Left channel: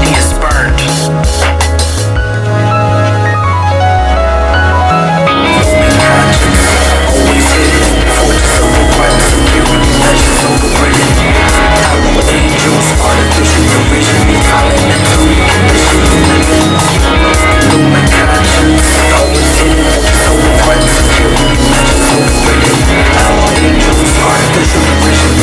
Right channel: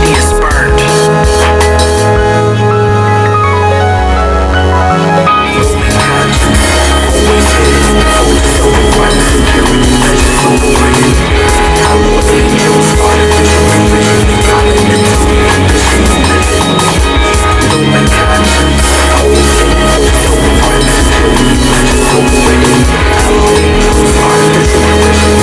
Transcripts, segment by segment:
he is spurned. Roman conscience, always hidden. Fortress overrun, security measures overridden. Hollow angels, artificial division. Violent mental conditions living. Roman conscience, always hidden. Fortress overrun, security measures overridden. Hollow angels, artificial division.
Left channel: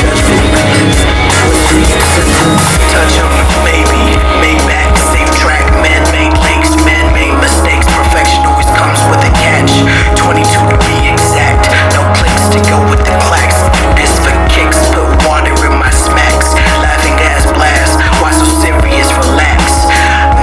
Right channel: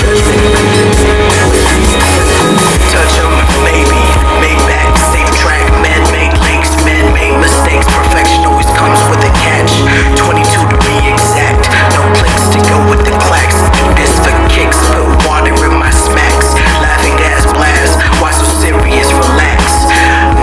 Judgment rendered. Twisted sentence. Touch 'em, maybe. Made back, safe track. Man-made lakes, man-made mistakes. Perfection always comes with a catch. 22 to be exact. No clicks to go with the clacks. Do this for kicks. Put water in my smacks. Laughing gas blast. Why so serious? Relax.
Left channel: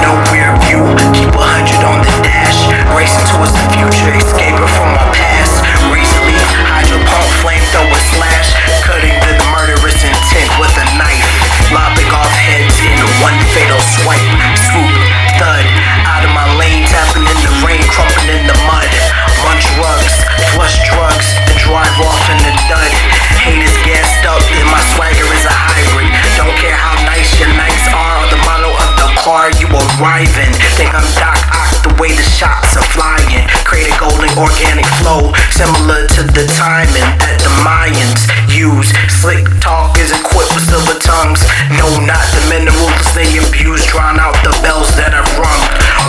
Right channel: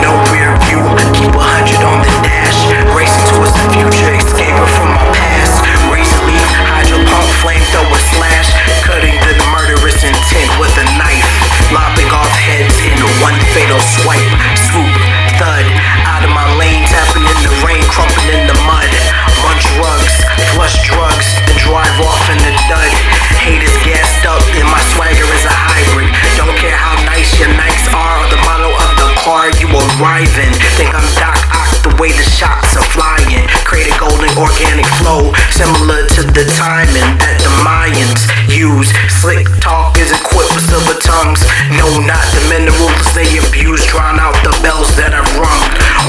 No rear view. Keep 100 on the dash. Racing towards the future. Escaping from my past. Recently, hydro pump, flamethrower slash. Cutting the murderous intent with a knife. Lopping off heads in one fatal swipe. Swoop, thud. Out of my lane, tapping in the rain, crumping in the mud. Munch rugs, flush drugs, then drive off in the dud. Haters gassed up, and my swagger is a hybrid. Don't care how nice your nights are or the model of the car you arrive in. Think I'm Doc Ock the way the shots are flying. Create a golden organic flow, similar to the timing that the Mayans use. Slick talk is equipped with silver tongues. No, not the minerals they abuse. Drown out the bells that I've rung.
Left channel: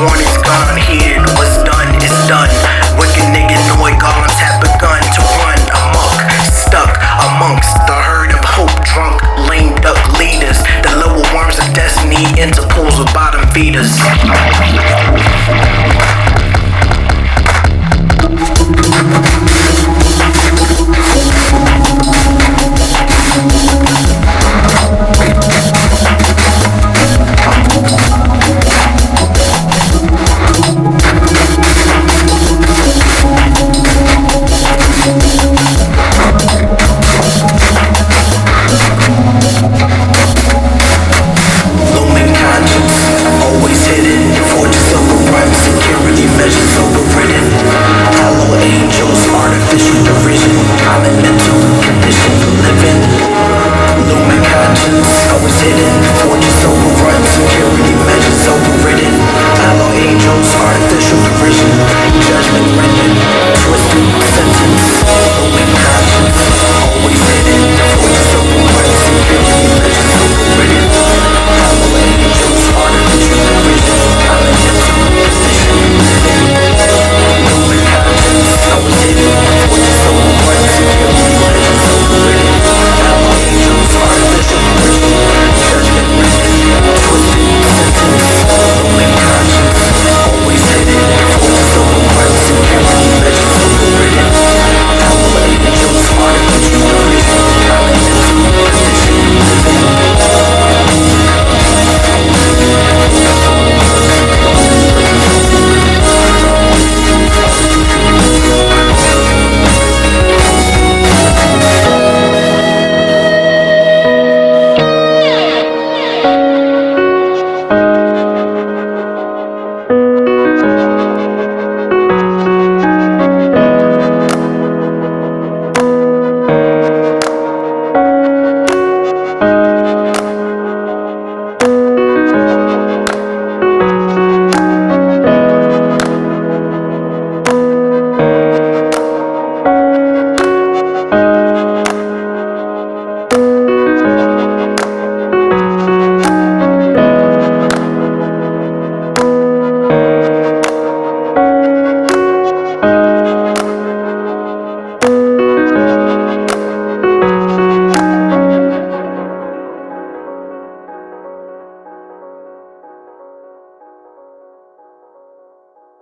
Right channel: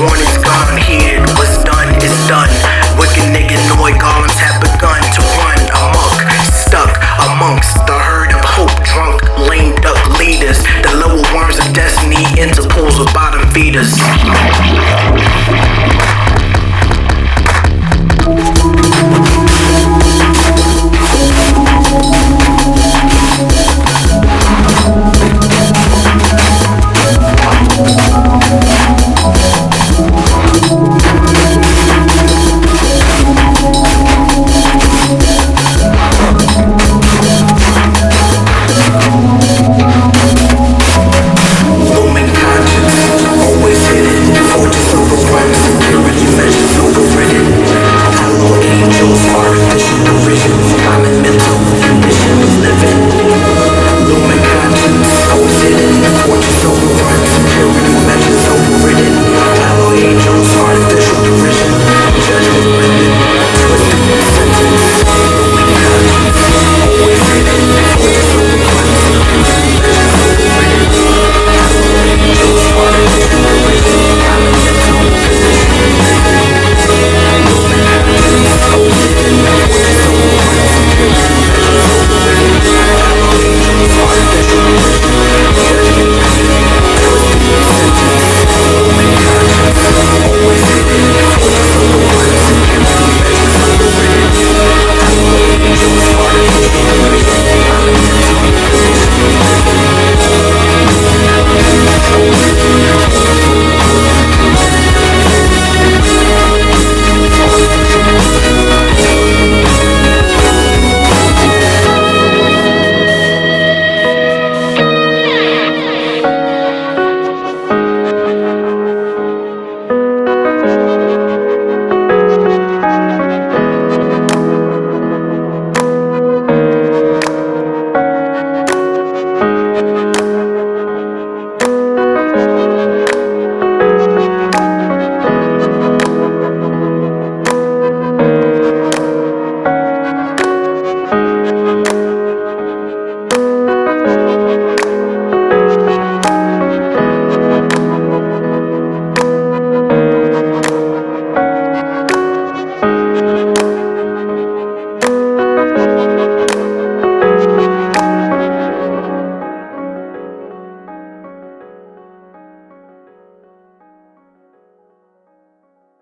Warning's gone unheeded. What's done is done. Wicked nigga Noy golems have begun to run amok. Stuck amongst the herd of hope drunk lame duck leaders. The lower worms of destiny into pools with bottom feeders. Security measures overridden. Hollow angels, artificial derision. Common mental condition of living. Lumen conscience, always hidden. Fortress overrun, security measures overridden. Hollow angels, artificial derision. Judgment rendered, twisted sentence. Lumen conscience, always hidden. Fortress overrun, security measures overridden. Hollow angels, artificial derision. Common mental condition of living. Lumen conscience, always hidden. Fortress overrun, security measures overridden. Hollow angels, artificial derision. Judgment rendered, twisted sentence. Lumen conscience, always hidden. Fortress overrun, security measures overridden. Hollow angels, artificial derision. Common mental condition of living.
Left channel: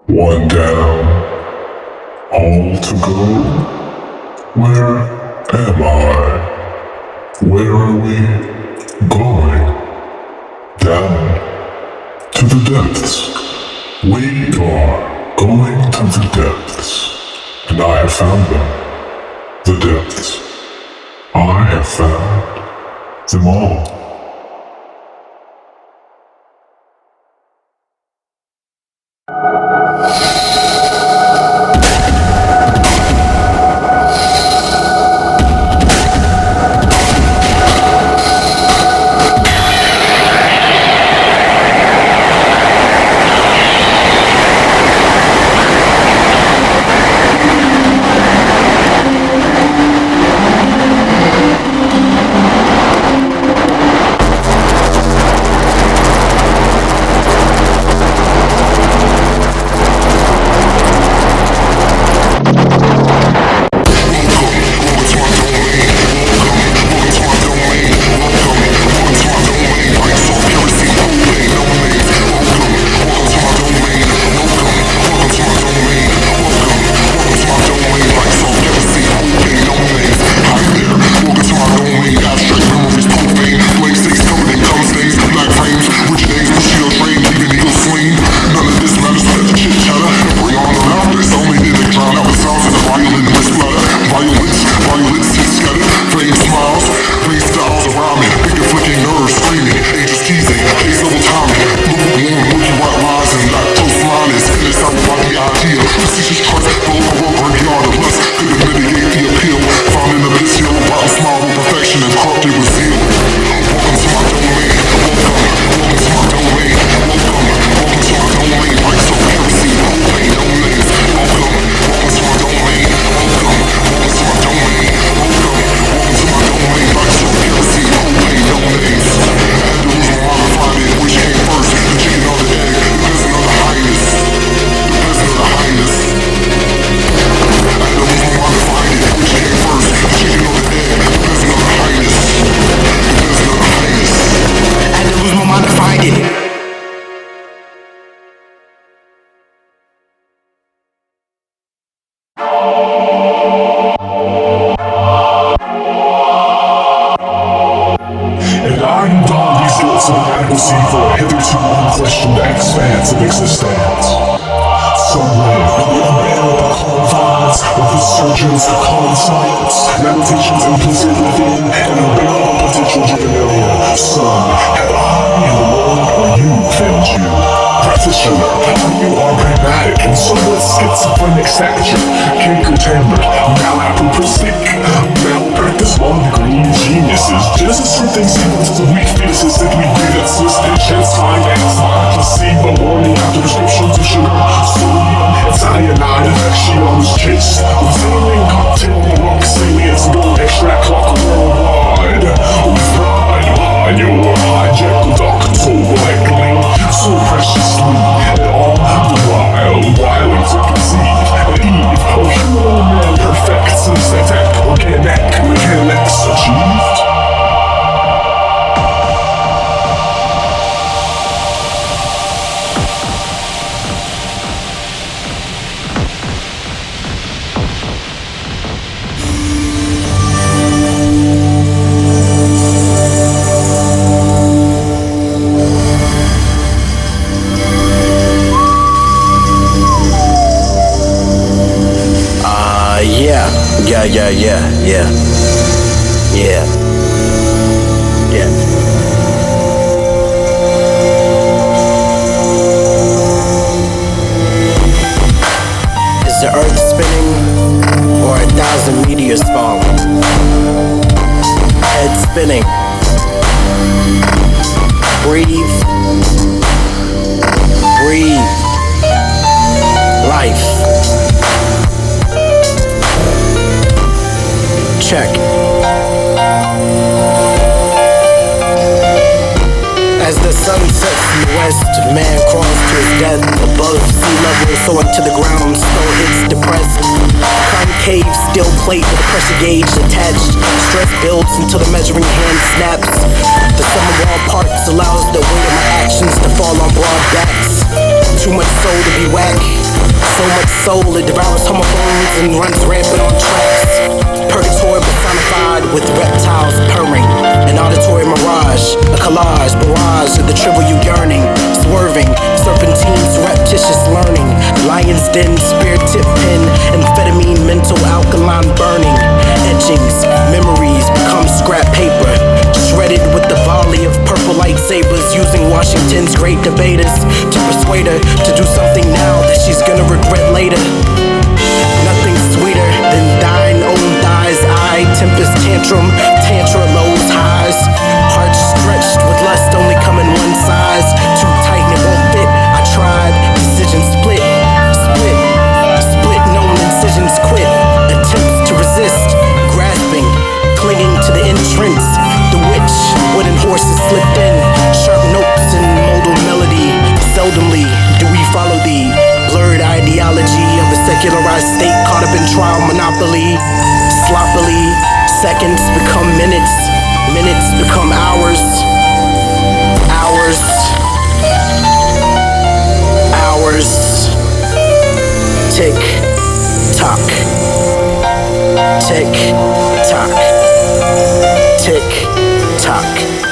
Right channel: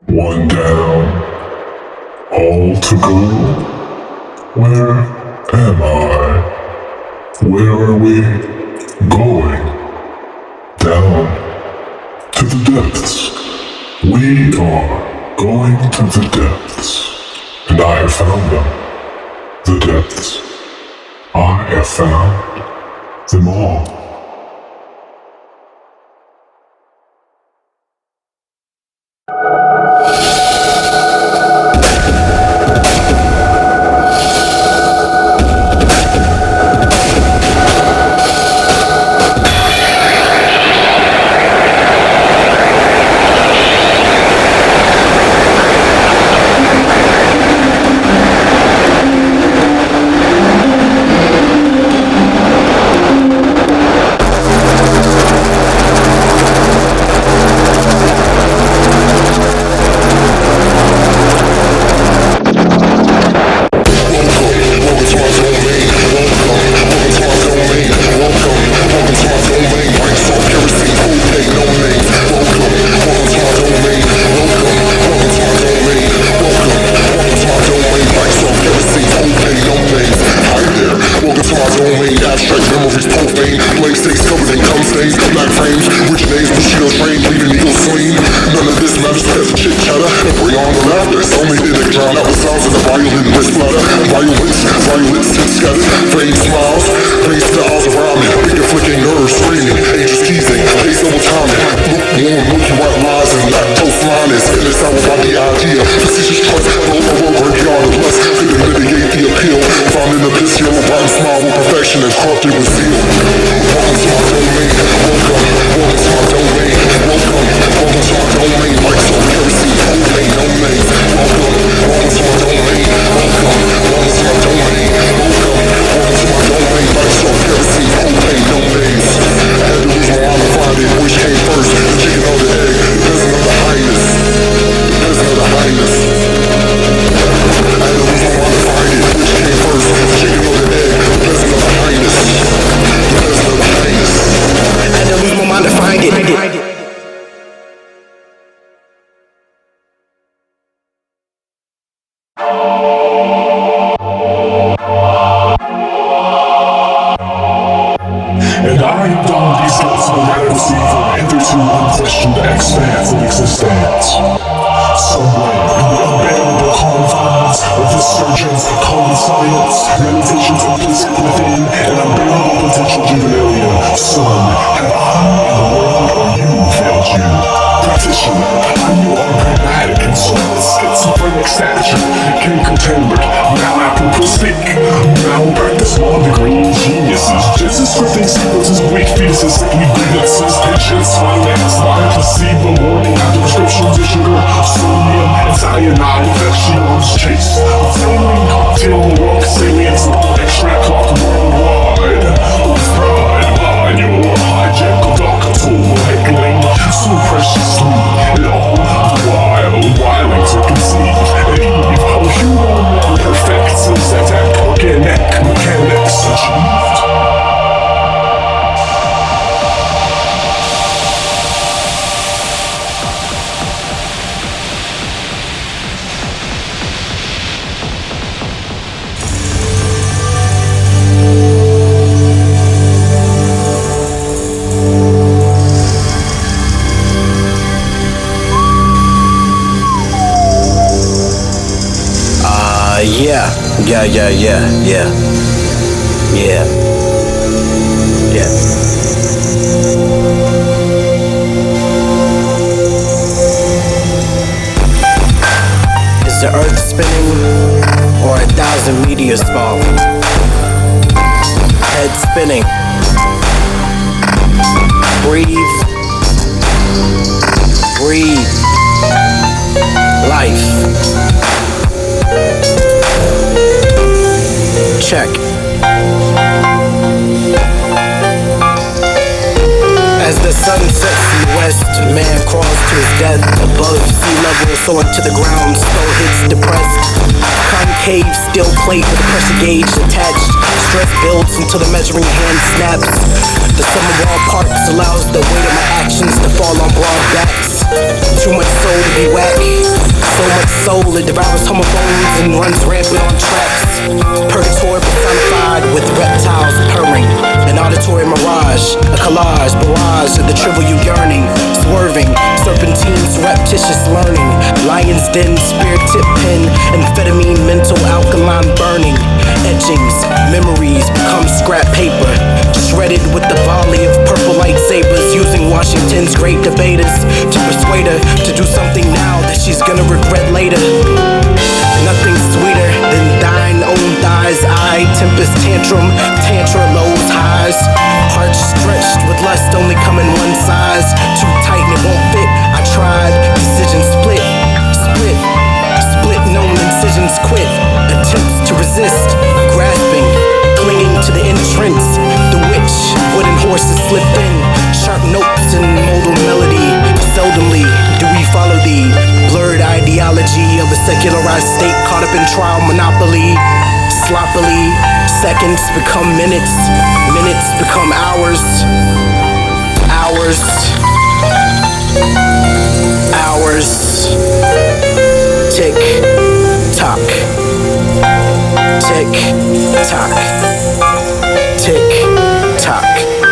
One down, all to go. Where am I? Where are we going? Down to the depths. We are going to the depths. And I have found them. The depths. I have found them all. stain. Blank states covered in cum stains, black frames, rich names, Bushido train, leaving eagles slain. None of this matters, we got the chit chatter and bring on the laughter. It's only then they drown out the sounds of the violin wrist splatter. Violence hit scattered, faint smiles, faint styles of rhyming, finger flicking nerves screaming, angels teasing, case double timing, lukewarm, milky white lies and lactose linings. In this hour by the idea, facetious trust, built over a graveyard of lust, couldn't mitigate the appeal. Found in the piss hill, a rotten smile with perfection and corrupted with zeal. Welcome to my domain, welcome to my domain, welcome to my domain. Lights off, kerosene, propane, no names. Welcome to my domain, welcome to my domain, welcome to my domain. Lights off, kerosene, propane, no names. I had to lose my mind to find it, which came first, the chicken or the egg, the peasant or the highness, the peasant or the highness. I had to lose my mind to find it, which came first, the chicken or the egg, the peasant or the highness, the peasant or the highness. I had to lose my mind to find it. And I am donned these guilts of inadequacy for a hitherto unquestioned expanse of existence. Somewhere beyond the inevitable confines of the surgeons of common science, reputations implicit within an unbearable potential juvenilian. Son, have I alone or you failed you? Practitioner, you are pragmatic and somewhat schizophrenic stature. Canker-tempered, malapropristic, malpractice law degree geniuses. Genesis strengthened sequences of weak fetuses, sickly grievances, pitches, climax, lie, placebo, warning after prescriptions of sugar, sodium, and cyanide, infection on this chase. With failing cocktail on the world, salience, gold extract clock worldwide. With pride, mine, your hijackal doctor, lightning, so preciously, and all the while, wiling to conceive, an eve of human perfect synaesthetic organic mechanics achieved. Yeah. Is the earth spinning or 1,000 meteors falling? Head spinning. Breathe. Life. Check. As the sun sets in the west, man crawls to his death. Above sea level, soaring to the ground, skull hits depressed. Concave steel plate with a pressure gauge attached. Stress builds until the measuring hand snaps. The sum of all parts allows the weight of my actions to fall on broad backs. Too much soul to be whack. So much soul it devours homophones and runs rampant on tracks. Purgatory personified with reptiles purring. An auditory mirage, a collage, barrage of the trivial yearning. Swerving, serpentine surreptitious learning. Lion's den, spear tip pen, amphetamine mental alkaline burning. Etchings, memories become scrap paper. Shredded with the volley of purple lightsabers. Using Washington's great debaters to persuade her to do something now that she's gonna regret later. Nothing sweeter than thine own thighs. I tempest tantrum, tantra lows highs. Heart stretched with lust only come in one size. Too tight and it won't fit. I tried, decision split. Known incisions quit. Attempts to resist, grasping, clinging to the entrance. The witch, wooden horses slipped in. Sharp notes and modal melody. Seldomly do we follow the blurred ideology of a secularized state caught up in trial monopoly. Sloppily, seconds become minutes, minutes become hours, hours, hours. Tick, tock, tick, tock, tick, tock.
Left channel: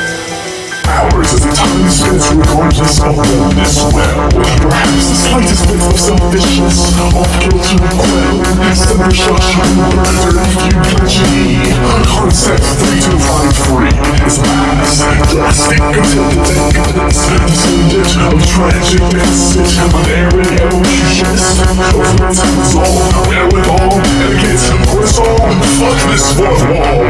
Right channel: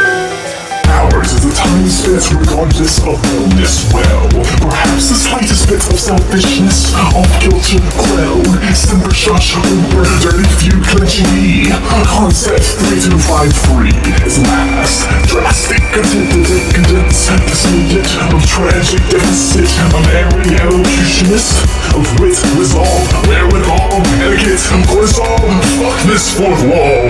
suspense regardless of boldness. Well, perhaps the slightest bit of selfishness, off-kilter quell, simmer shasha, murder, few pledgy. Concept 3253 is last, drastic, intended, descendant of tragic deficit, unerring elocutionist of wit, resolve, wherewithal, etiquette, cortisol, fuck this fourth wall.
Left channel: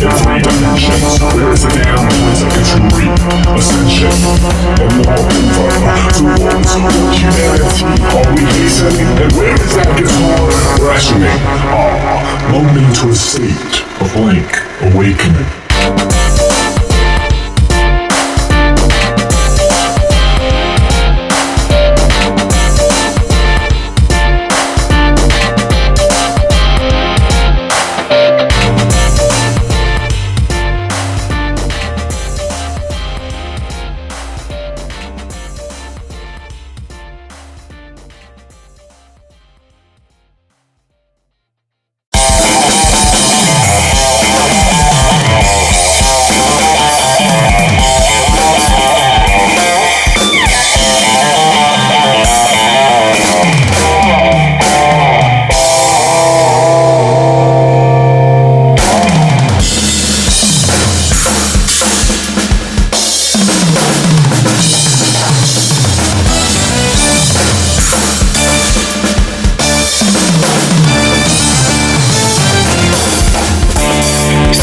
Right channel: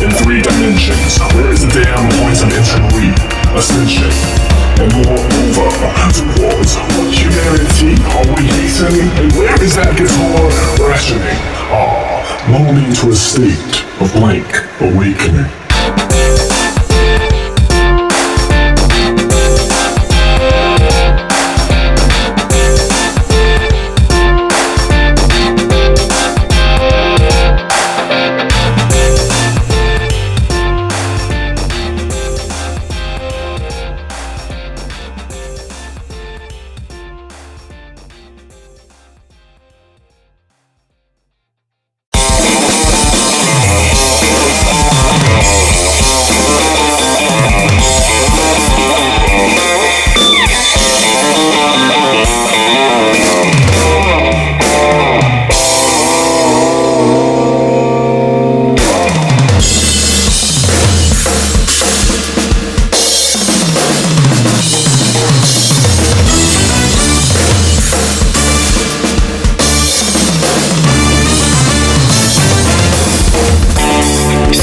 In 3 dimensions, there is a damn quantum controlling ascension. A moreover, towards humanity, are we hastening? And where is that guitar rationing? Blown into a state of blank awakening.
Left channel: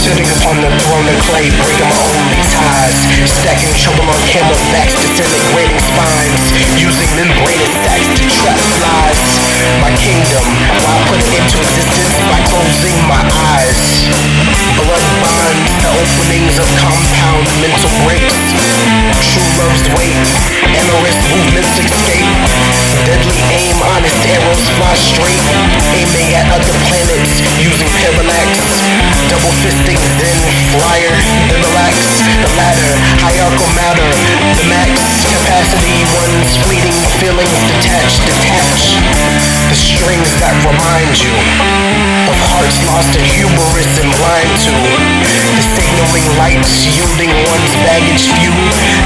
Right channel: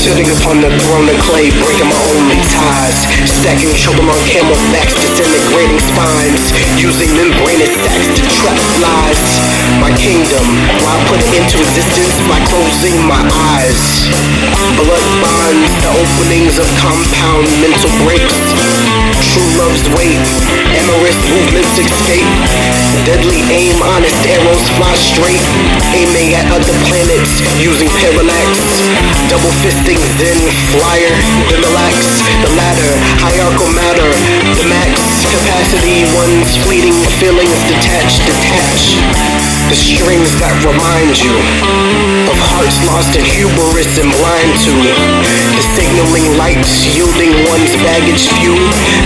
Sitting upon the throne of clay, breaking my only ties, stacking trouble on camelbacks, disintegrating spines, using membranous sacks to trap flies. My kingdom, why put it into existence by closing my eyes? Blood bonds, the openings of compound mental breaks. True love's weight, amorous movements escape. Deadly aim, honest arrows fly straight, aiming at other planets, using parallax. Double fisting Zen flyer, then relax. The ladder, hierarchical matter, the max capacity, one's fleeting feelings detach. The strings that remind you of hearts lost in hubris and blind to the signaling lights yielding one's baggage few.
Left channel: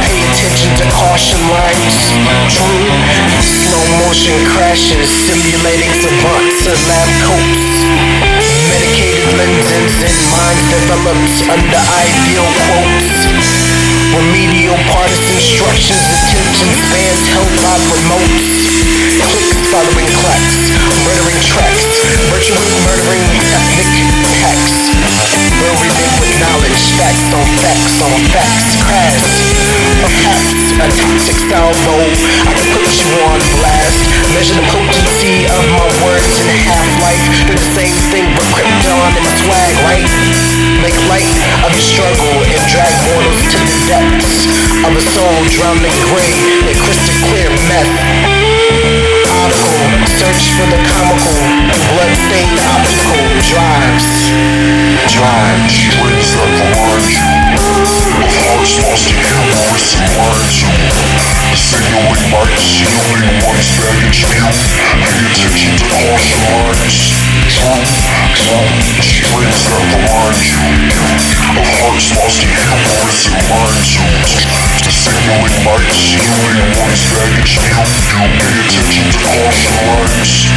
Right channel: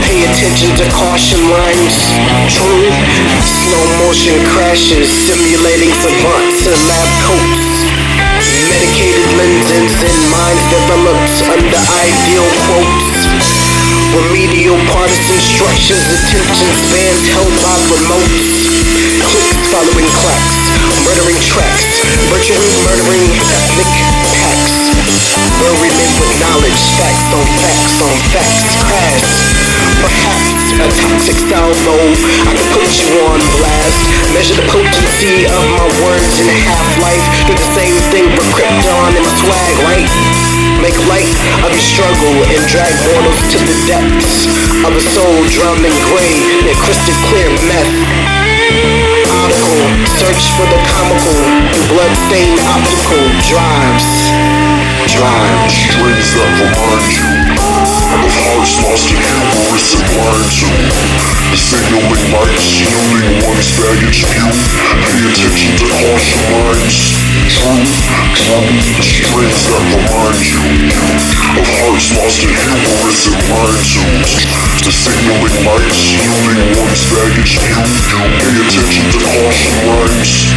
Pay attention to caution lines. True, slow motion crashes simulating savants in lab coats. Medicated lenses and minds developed under ideal quotes. Remedial partisan structures, attention spans held by remotes. Clicks following clacks, murdering tracks, virtually murdering ethnic packs. Buried with knowledge, facts on facts on facts. Crash, perhaps a toxic salvo. I could put you on blast. Measure the potency of my words in half-life. Do the same thing with Krypton in my swag, right? Make light of your struggle and drag mortals to the depths of a soul drowned in gray near crystal clear meth. Article, search for the comical through blood-stained optical drives. Strings that remind you of hearts lost in hubris and blind to the signaling lights yielding one's baggage view. Pay attention to caution lines. Strings that remind you of hearts lost in hubris and blind to the signaling lights yielding one's baggage view. Pay attention to caution lines.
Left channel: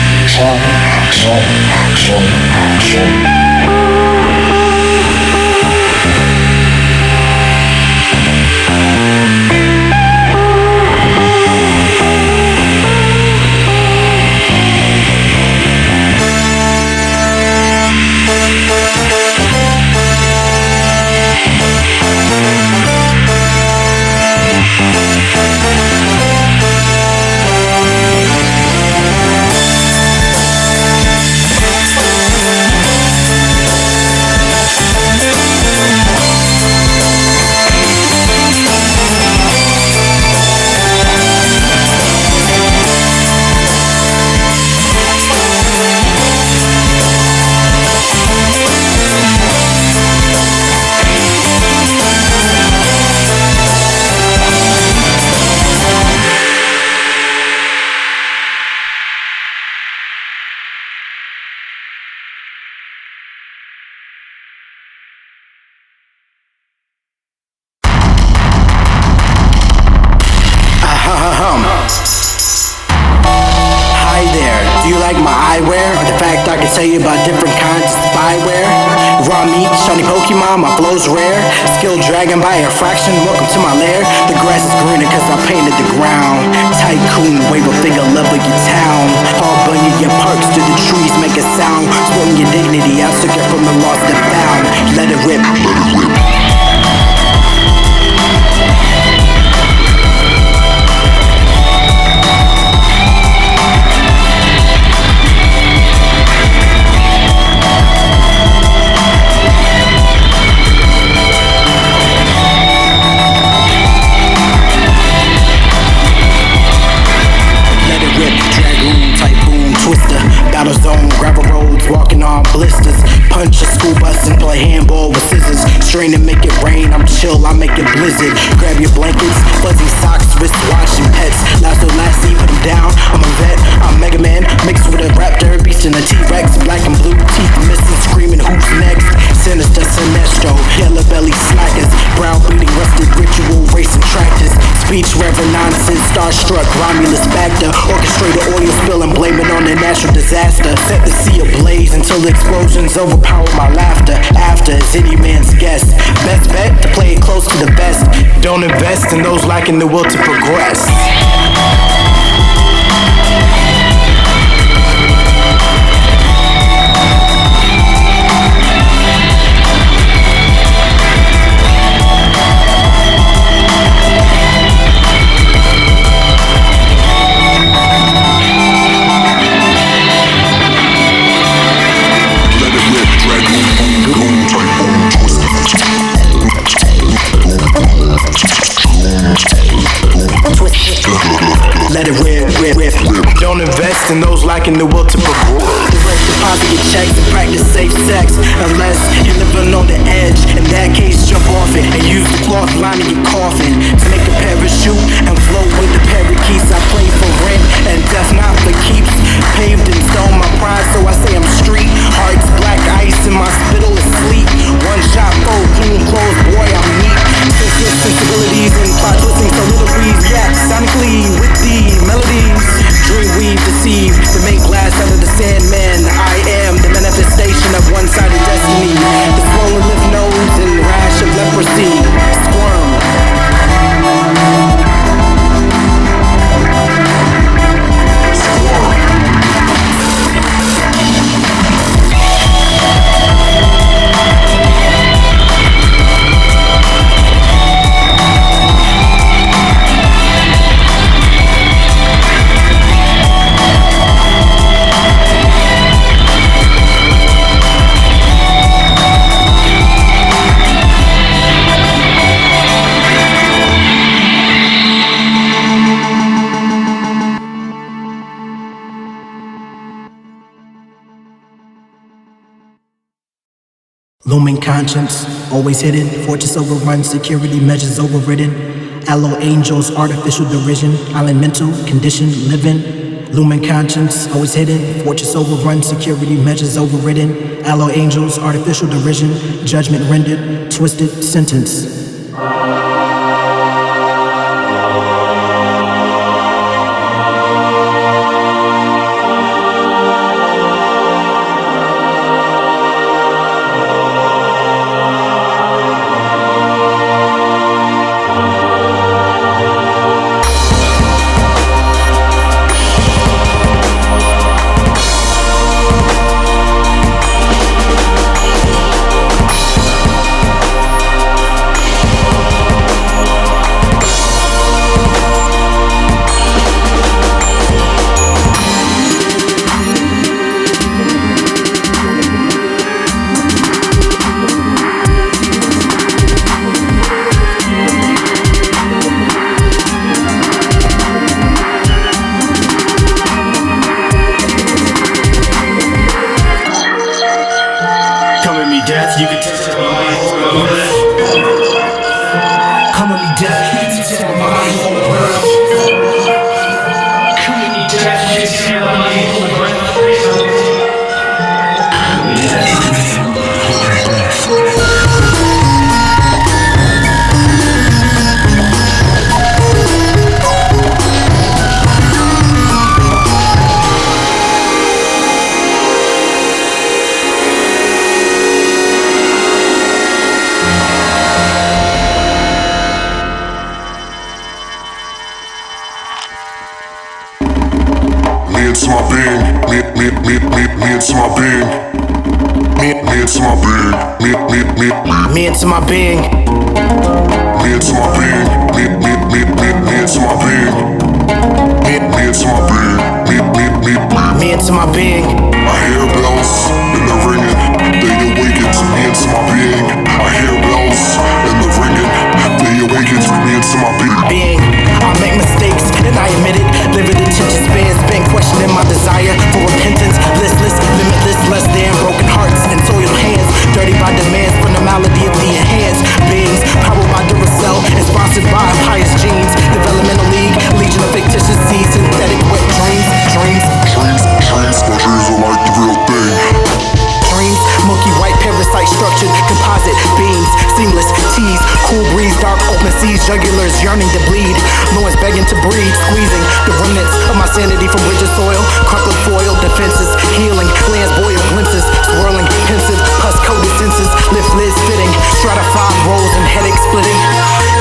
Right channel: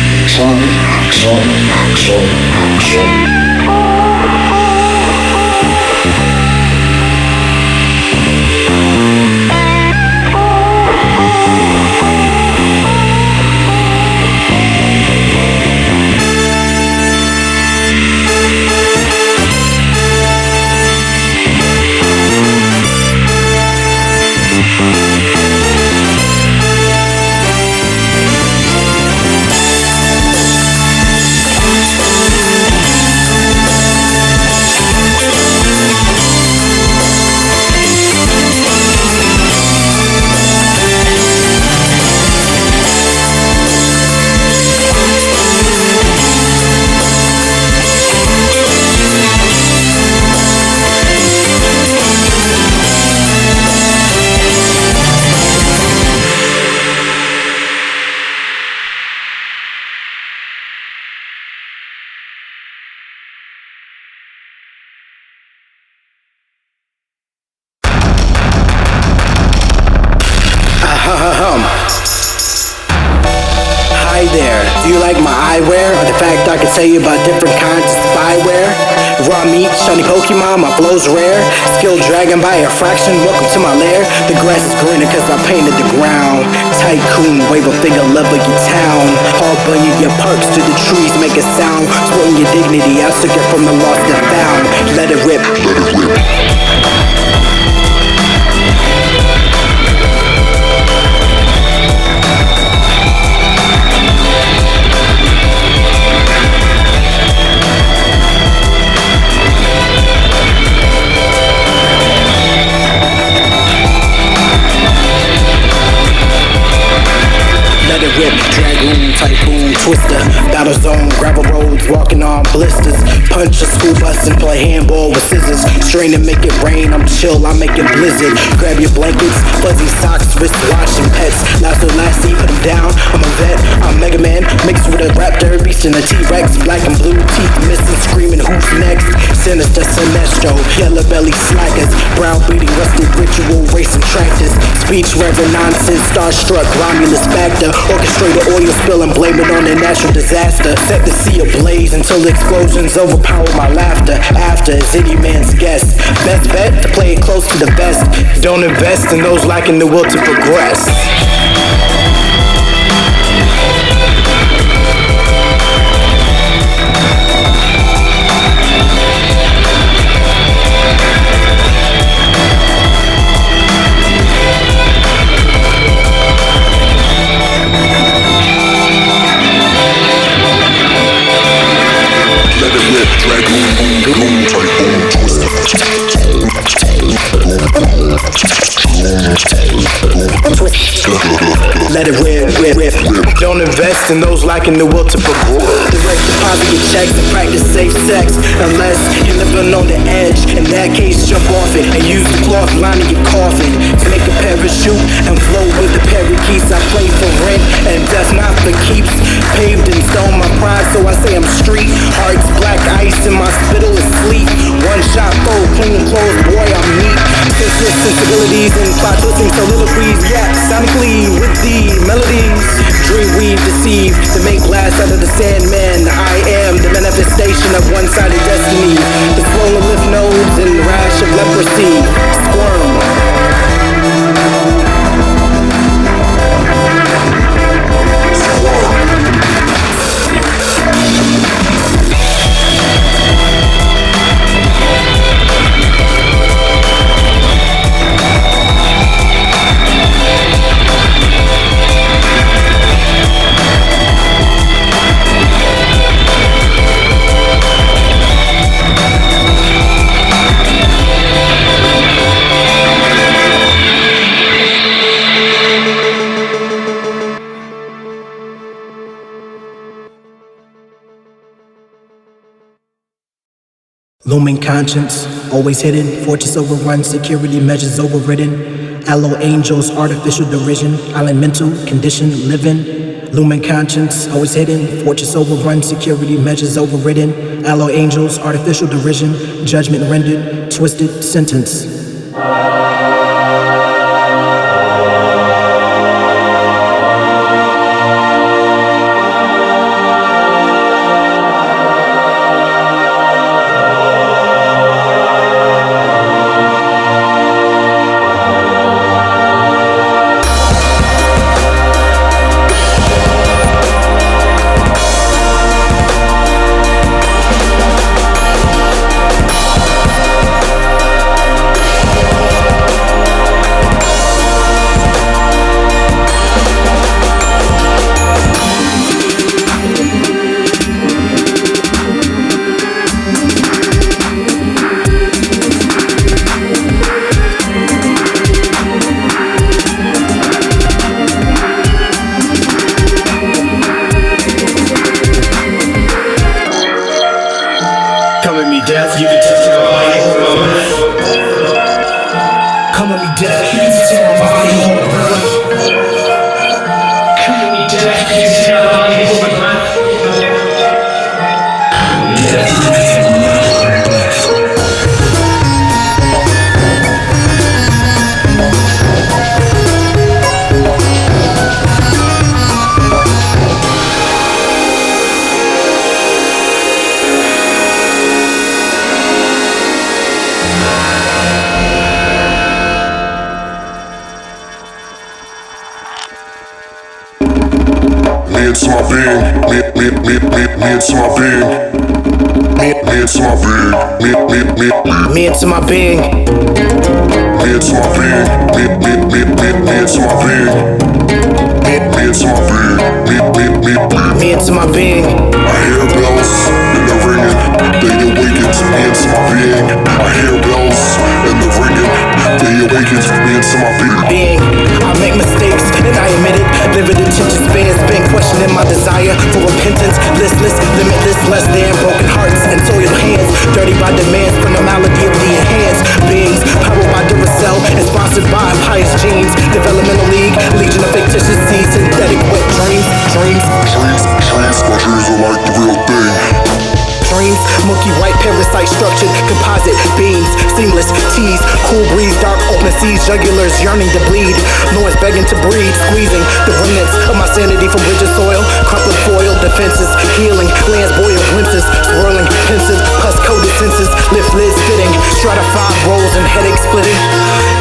Do you like my eyewear, or the fact I can tell you about different kinds of spyware? Raw meat, shiny Pokemon, my flow's rare. Skilled dragon by a fraction, welcome to my lair. The grass is greener cause I painted the ground. Tycoon, wave a finger, level your town. All bunny your parks to the trees, make a sound. Splitting your dignity, I took it from the lost and found. Let it rip, let it rip. Let it rip, dragoon, typhoon, twister. Battle zone, gravel roads, walking on blisters. Punch a school bus and play handball with scissors. Strain and make it rain, I'm chill, I make it blizzard. Grab your blankets, fuzzy socks, wristwatch and pets. Lasso lassie, put them down, I'm a vet. I'm Mega Man, mixed with a raptor, beast and a T-Rex. Black and blue teeth missing, screaming who's next. Sinister, Sinestro, yellow belly slackers. Brown beating, rusted ritual, racing tractors. Speech revenances, starstruck, Romulus factor. Orchestrate an oil spill and blame it on a natural disaster. Set the sea ablaze until the explosions overpower my laughter. After is any man's guess. Best bet to play it close to the vest. Don't invest in those lacking the will to progress. Dragoon, goon, typhoon, twister. Let it rip, rip, rip. Don't invest in those lacking the will to progress. Direct deposit your checks and practice safe sex. Unless you're living on the edge. In that case, jump off it and use the cloth lining your coffin to make a parachute and float with the parakeets. I play for rent and death not for keeps. Paved in stone my pride, so I say I'm street. Hearts black ice and my spittle is sleep. One shot fold, clean clothes, boy I'm neat. Senseless sensibilities and plot twisting soliloquies. React sonically with the melodies. Dream weave deceive to make glass out of the sandman. I am the manifestation of one-sided destiny. The swollen lymph nodes and rash of leprosy. Squirm. Looming conscience, always hidden. Fortress overrun, security measures overridden. Allo angels, artificial derision. Island mental, condition, living. Looming conscience, always hidden. Fortress overrun, security measures overridden. Allo angels, artificial derision. Judgment rendered, twisted sentence. Come at me, death, you can tell my body hold my breath. Come at me, death, you can tell my body hold my breath. Come at me, death, you can tell my body hold my breath. Come at me, death, you can tell my body hold my breath. into my being. Me into my being. Me into my being. Me into my being. Me into my being. Me into my being. Me into my being. Me into my being. I hear bells and they're ringing. They awaken to me into my being. I hear bells and they're ringing. They awaken to me into my being. I make mistakes and I admit it. Livid attention spans, been questioning my desire for repentance. Listless, limitless, less than broken hearts and soiled hands. Dirty by demands from the malady of the enhanced beings. Powered by Duracell and sponsored by pious genes. Developmental league, legion of fictitious seeds. Synthetic wet dreams. My dreams are like the real thing. Dreams, milky white parasite structured composite beams, seamless tease, cool breeze, dark open seas, jugulars yearning to bleed, loins begging to breathe, squeezing the remnants of my sanity from rigid soil, crumpled foil, defenses, healing, lands boil glimpses, swirling, pensive, pus coated senses, lift lids fitting, stratified rolls and headache splitting.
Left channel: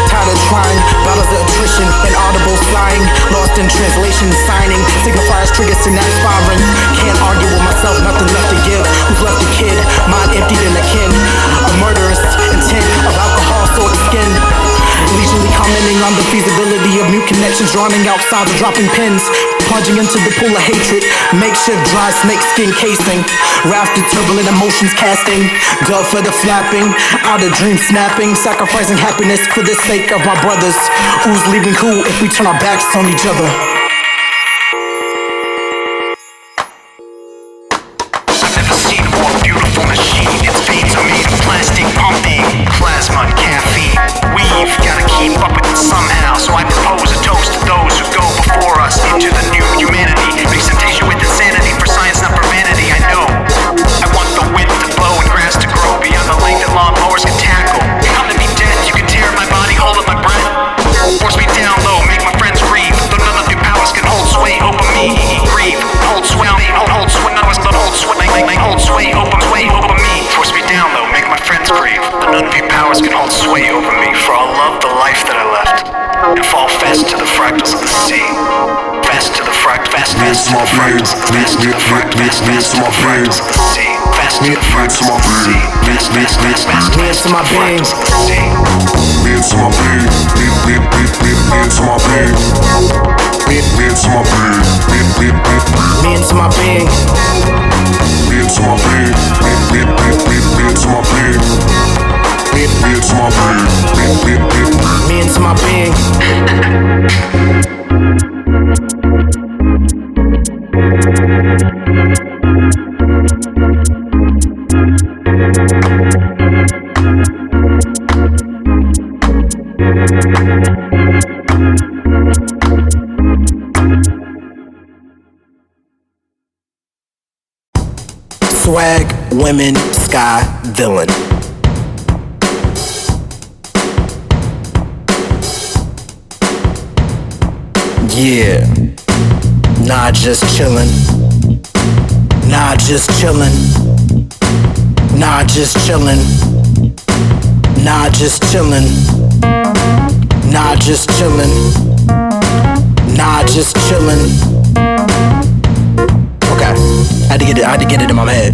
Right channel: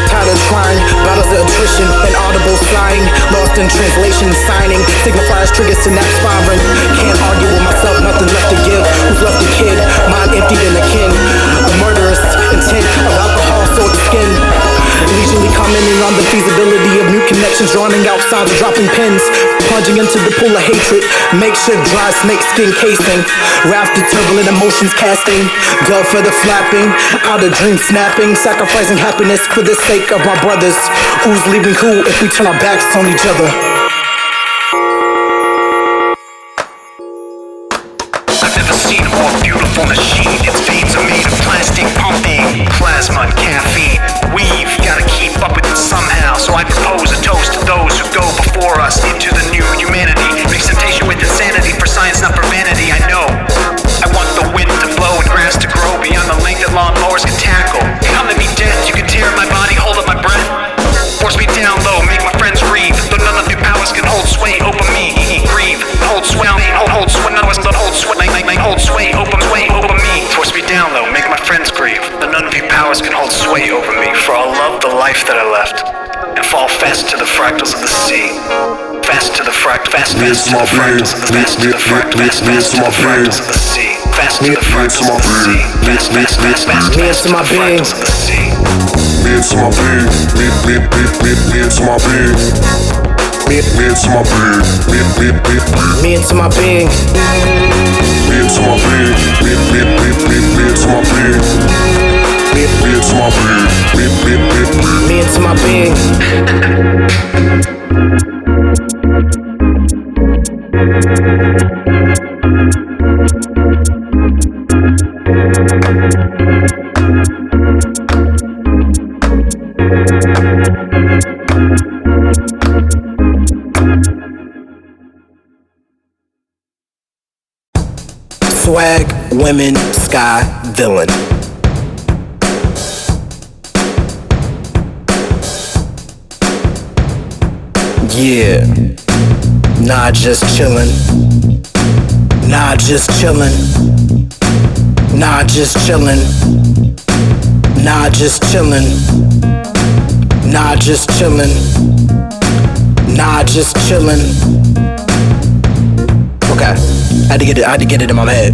Tired of trying, battles of attrition, inaudible sighing, lost in translation, signing, signifiers trigger synapse firing. Can't argue with myself, nothing left to give. Who's left a kid? Mind emptied in a kin. A murderous intent of alcohol soaked skin. Leisurely commenting on the feasibility of new connections, drowning out sounds of dropping pins. Plunging into the pool of hatred, makeshift dry snake skin casing. Rafted turbulent emotions casting, gulf for the flapping, out of dream snapping, sacrificing happiness for the sake of my brothers. Who's leaving who if we turn our backs on each other? I've never seen a more beautiful machine. Its veins are made of plastic pumping plasma and caffeine. We've gotta keep up with it somehow, so I propose a toast to those who go before us into the new humanity. Mix temptation with insanity, for science not for vanity. I know I want the wind to blow and grass to grow beyond the length that lawnmowers can tackle. Come to me, death, you can tear my body, hold up my breath. Force me down low, make my friends grieve. Though none of your powers can hold sway over me. Grieve, hold sway, hold sway, none of us don't hold sway, hold sway over me. Force me down low, make my friends grieve. Though none of your powers can hold sway over me. For I'll love the life that I left and fall fast to the fractals of the sea. Fast to the fast to the fractals of the fast to the fractals of the sea. Fast to the fractals of the sea. Fast to the fractals of the sea. Me into my being. Me into my being. Me into my being. Me into my being. Me into my being. Me into my being. Me into my being. Me into my being. Swag, women, sky, villain. Yeah, nah, just chillin'. Nah, just chillin'. Nah, just chillin'. Nah, just chillin'. Nah, just chillin'. Nah, just chillin'. Okay, I had to get it in my head.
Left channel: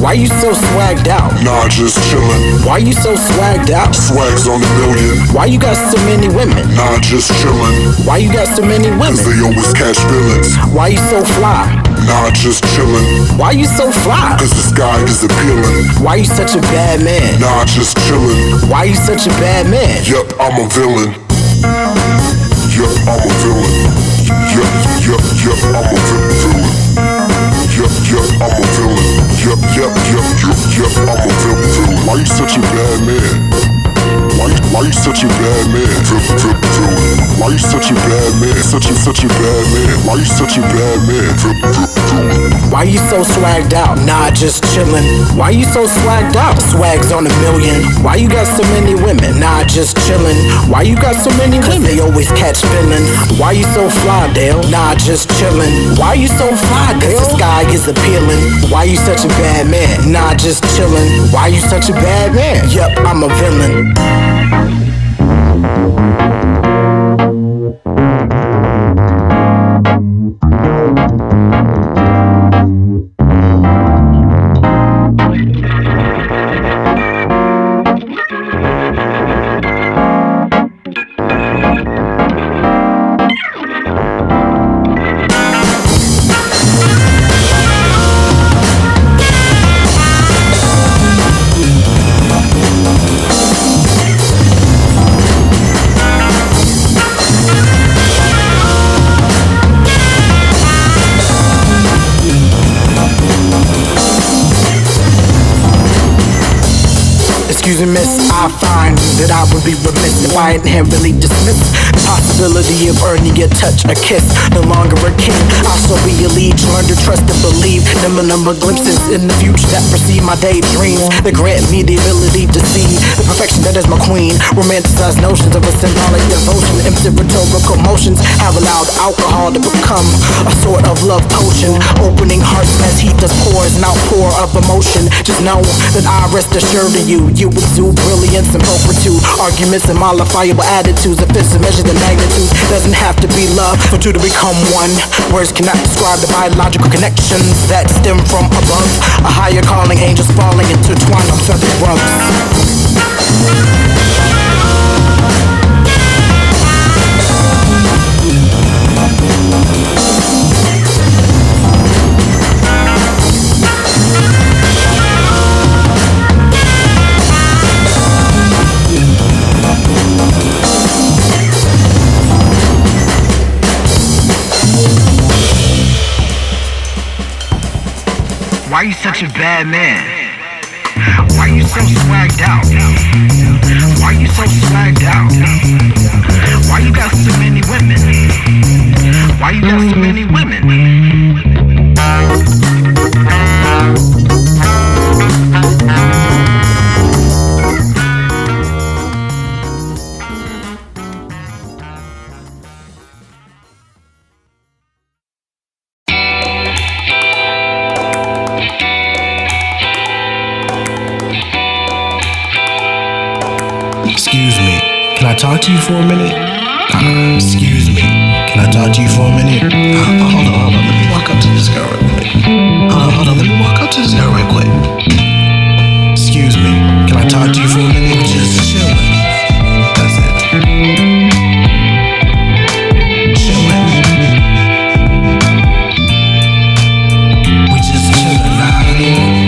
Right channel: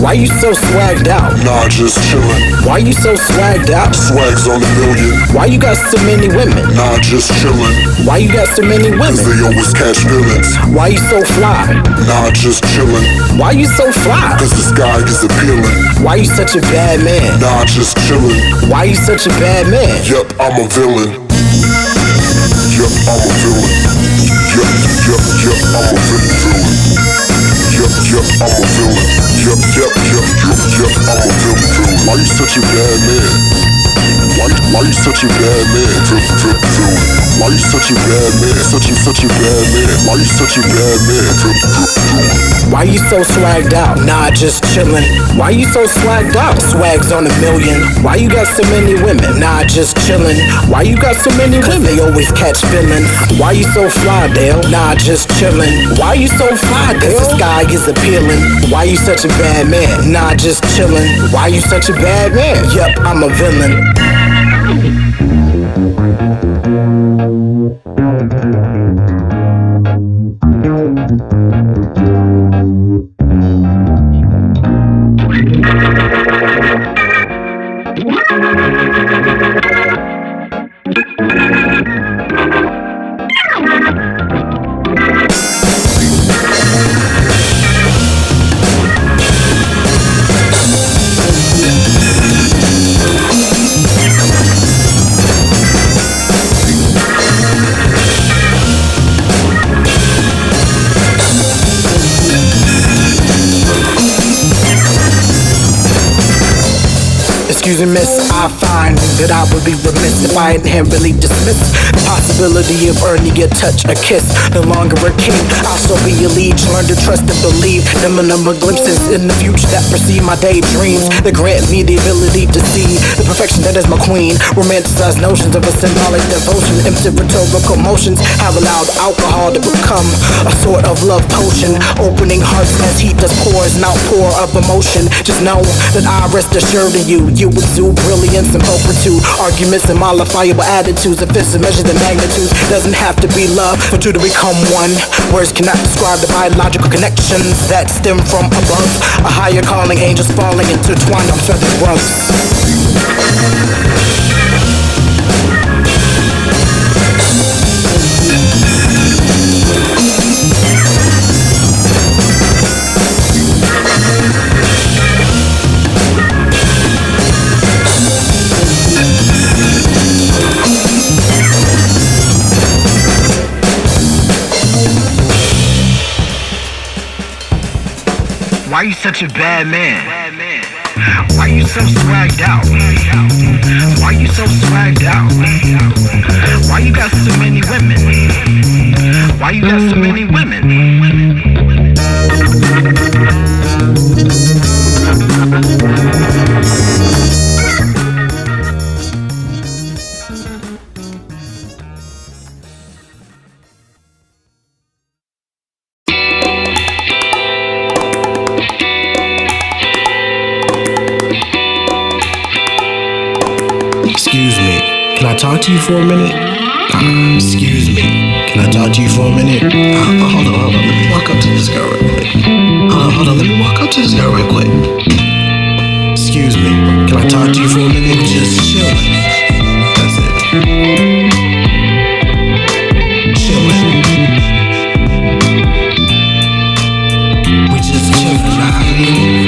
Why you so swagged out? Nah, just chillin'. Why you so swagged out? Swags on a million. Why you got so many women? Nah, just chillin'. Why you got so many women? Cause they always catch feelings. Why you so fly? Nah, just chillin'. Why you so fly? Cause the sky is appealing. Why you such a bad man? Nah, just chillin'. Why you such a bad man? Yup, I'm a villain. Yup, I'm a villain. Yup, I'm a villain. Yup, I'm a villain. Yup, I'm a villain. Why you such a bad man? Why you such a bad man? Villain. Why you such a bad man? Such a bad man. Why you such a bad man? Villain. Why you so swagged out? Nah, just chillin'. Why you so swagged out? Swags on a million. Why you got so many women? Nah, just chillin'. Why you got so many women? They always catch feelings. Why you so fly, Dale? Nah, just chillin'. Why you so fly, Dale? The sky is appealing. Why you such a bad man? Nah, just chillin'. Why you such a bad man? Yup, I'm a villain. Excuse me, miss, I find that I would be remiss if I inherently dismiss the possibility of earning a touch, a kiss. No longer a king, I shall be a liege. Learn to trust and believe. Number glimpses in the future that precede my daydreams, that grant me the ability to see the perfection that is my queen. Romanticized notions of a symbolic devotion, empty rhetorical motions have allowed alcohol to become a sort of love potion, opening hearts as heat does pours, an outpour of emotion. Just know that I rest assured of you. You exude brilliance and pulchritude, arguments and modifiable attitudes. If it's to measure the magnitudes, doesn't have to be love for two to become one. Words cannot describe the biological connections that stem from above. A higher calling, angels falling intertwined on feathered rugs. Why you such a bad man? Why you so swagged out? Why you so swagged out? Why you got so many women? Why you got so many women? Excuse me, can I talk to you for a minute? Excuse me, can I talk to you for a minute? Hold on, let me walk up to this girl real quick. Hold on, let me walk up to this girl real quick. Excuse me, can I talk to you for a minute? Just chillin'. That's it. Chillin'. We just chillin', know what I mean?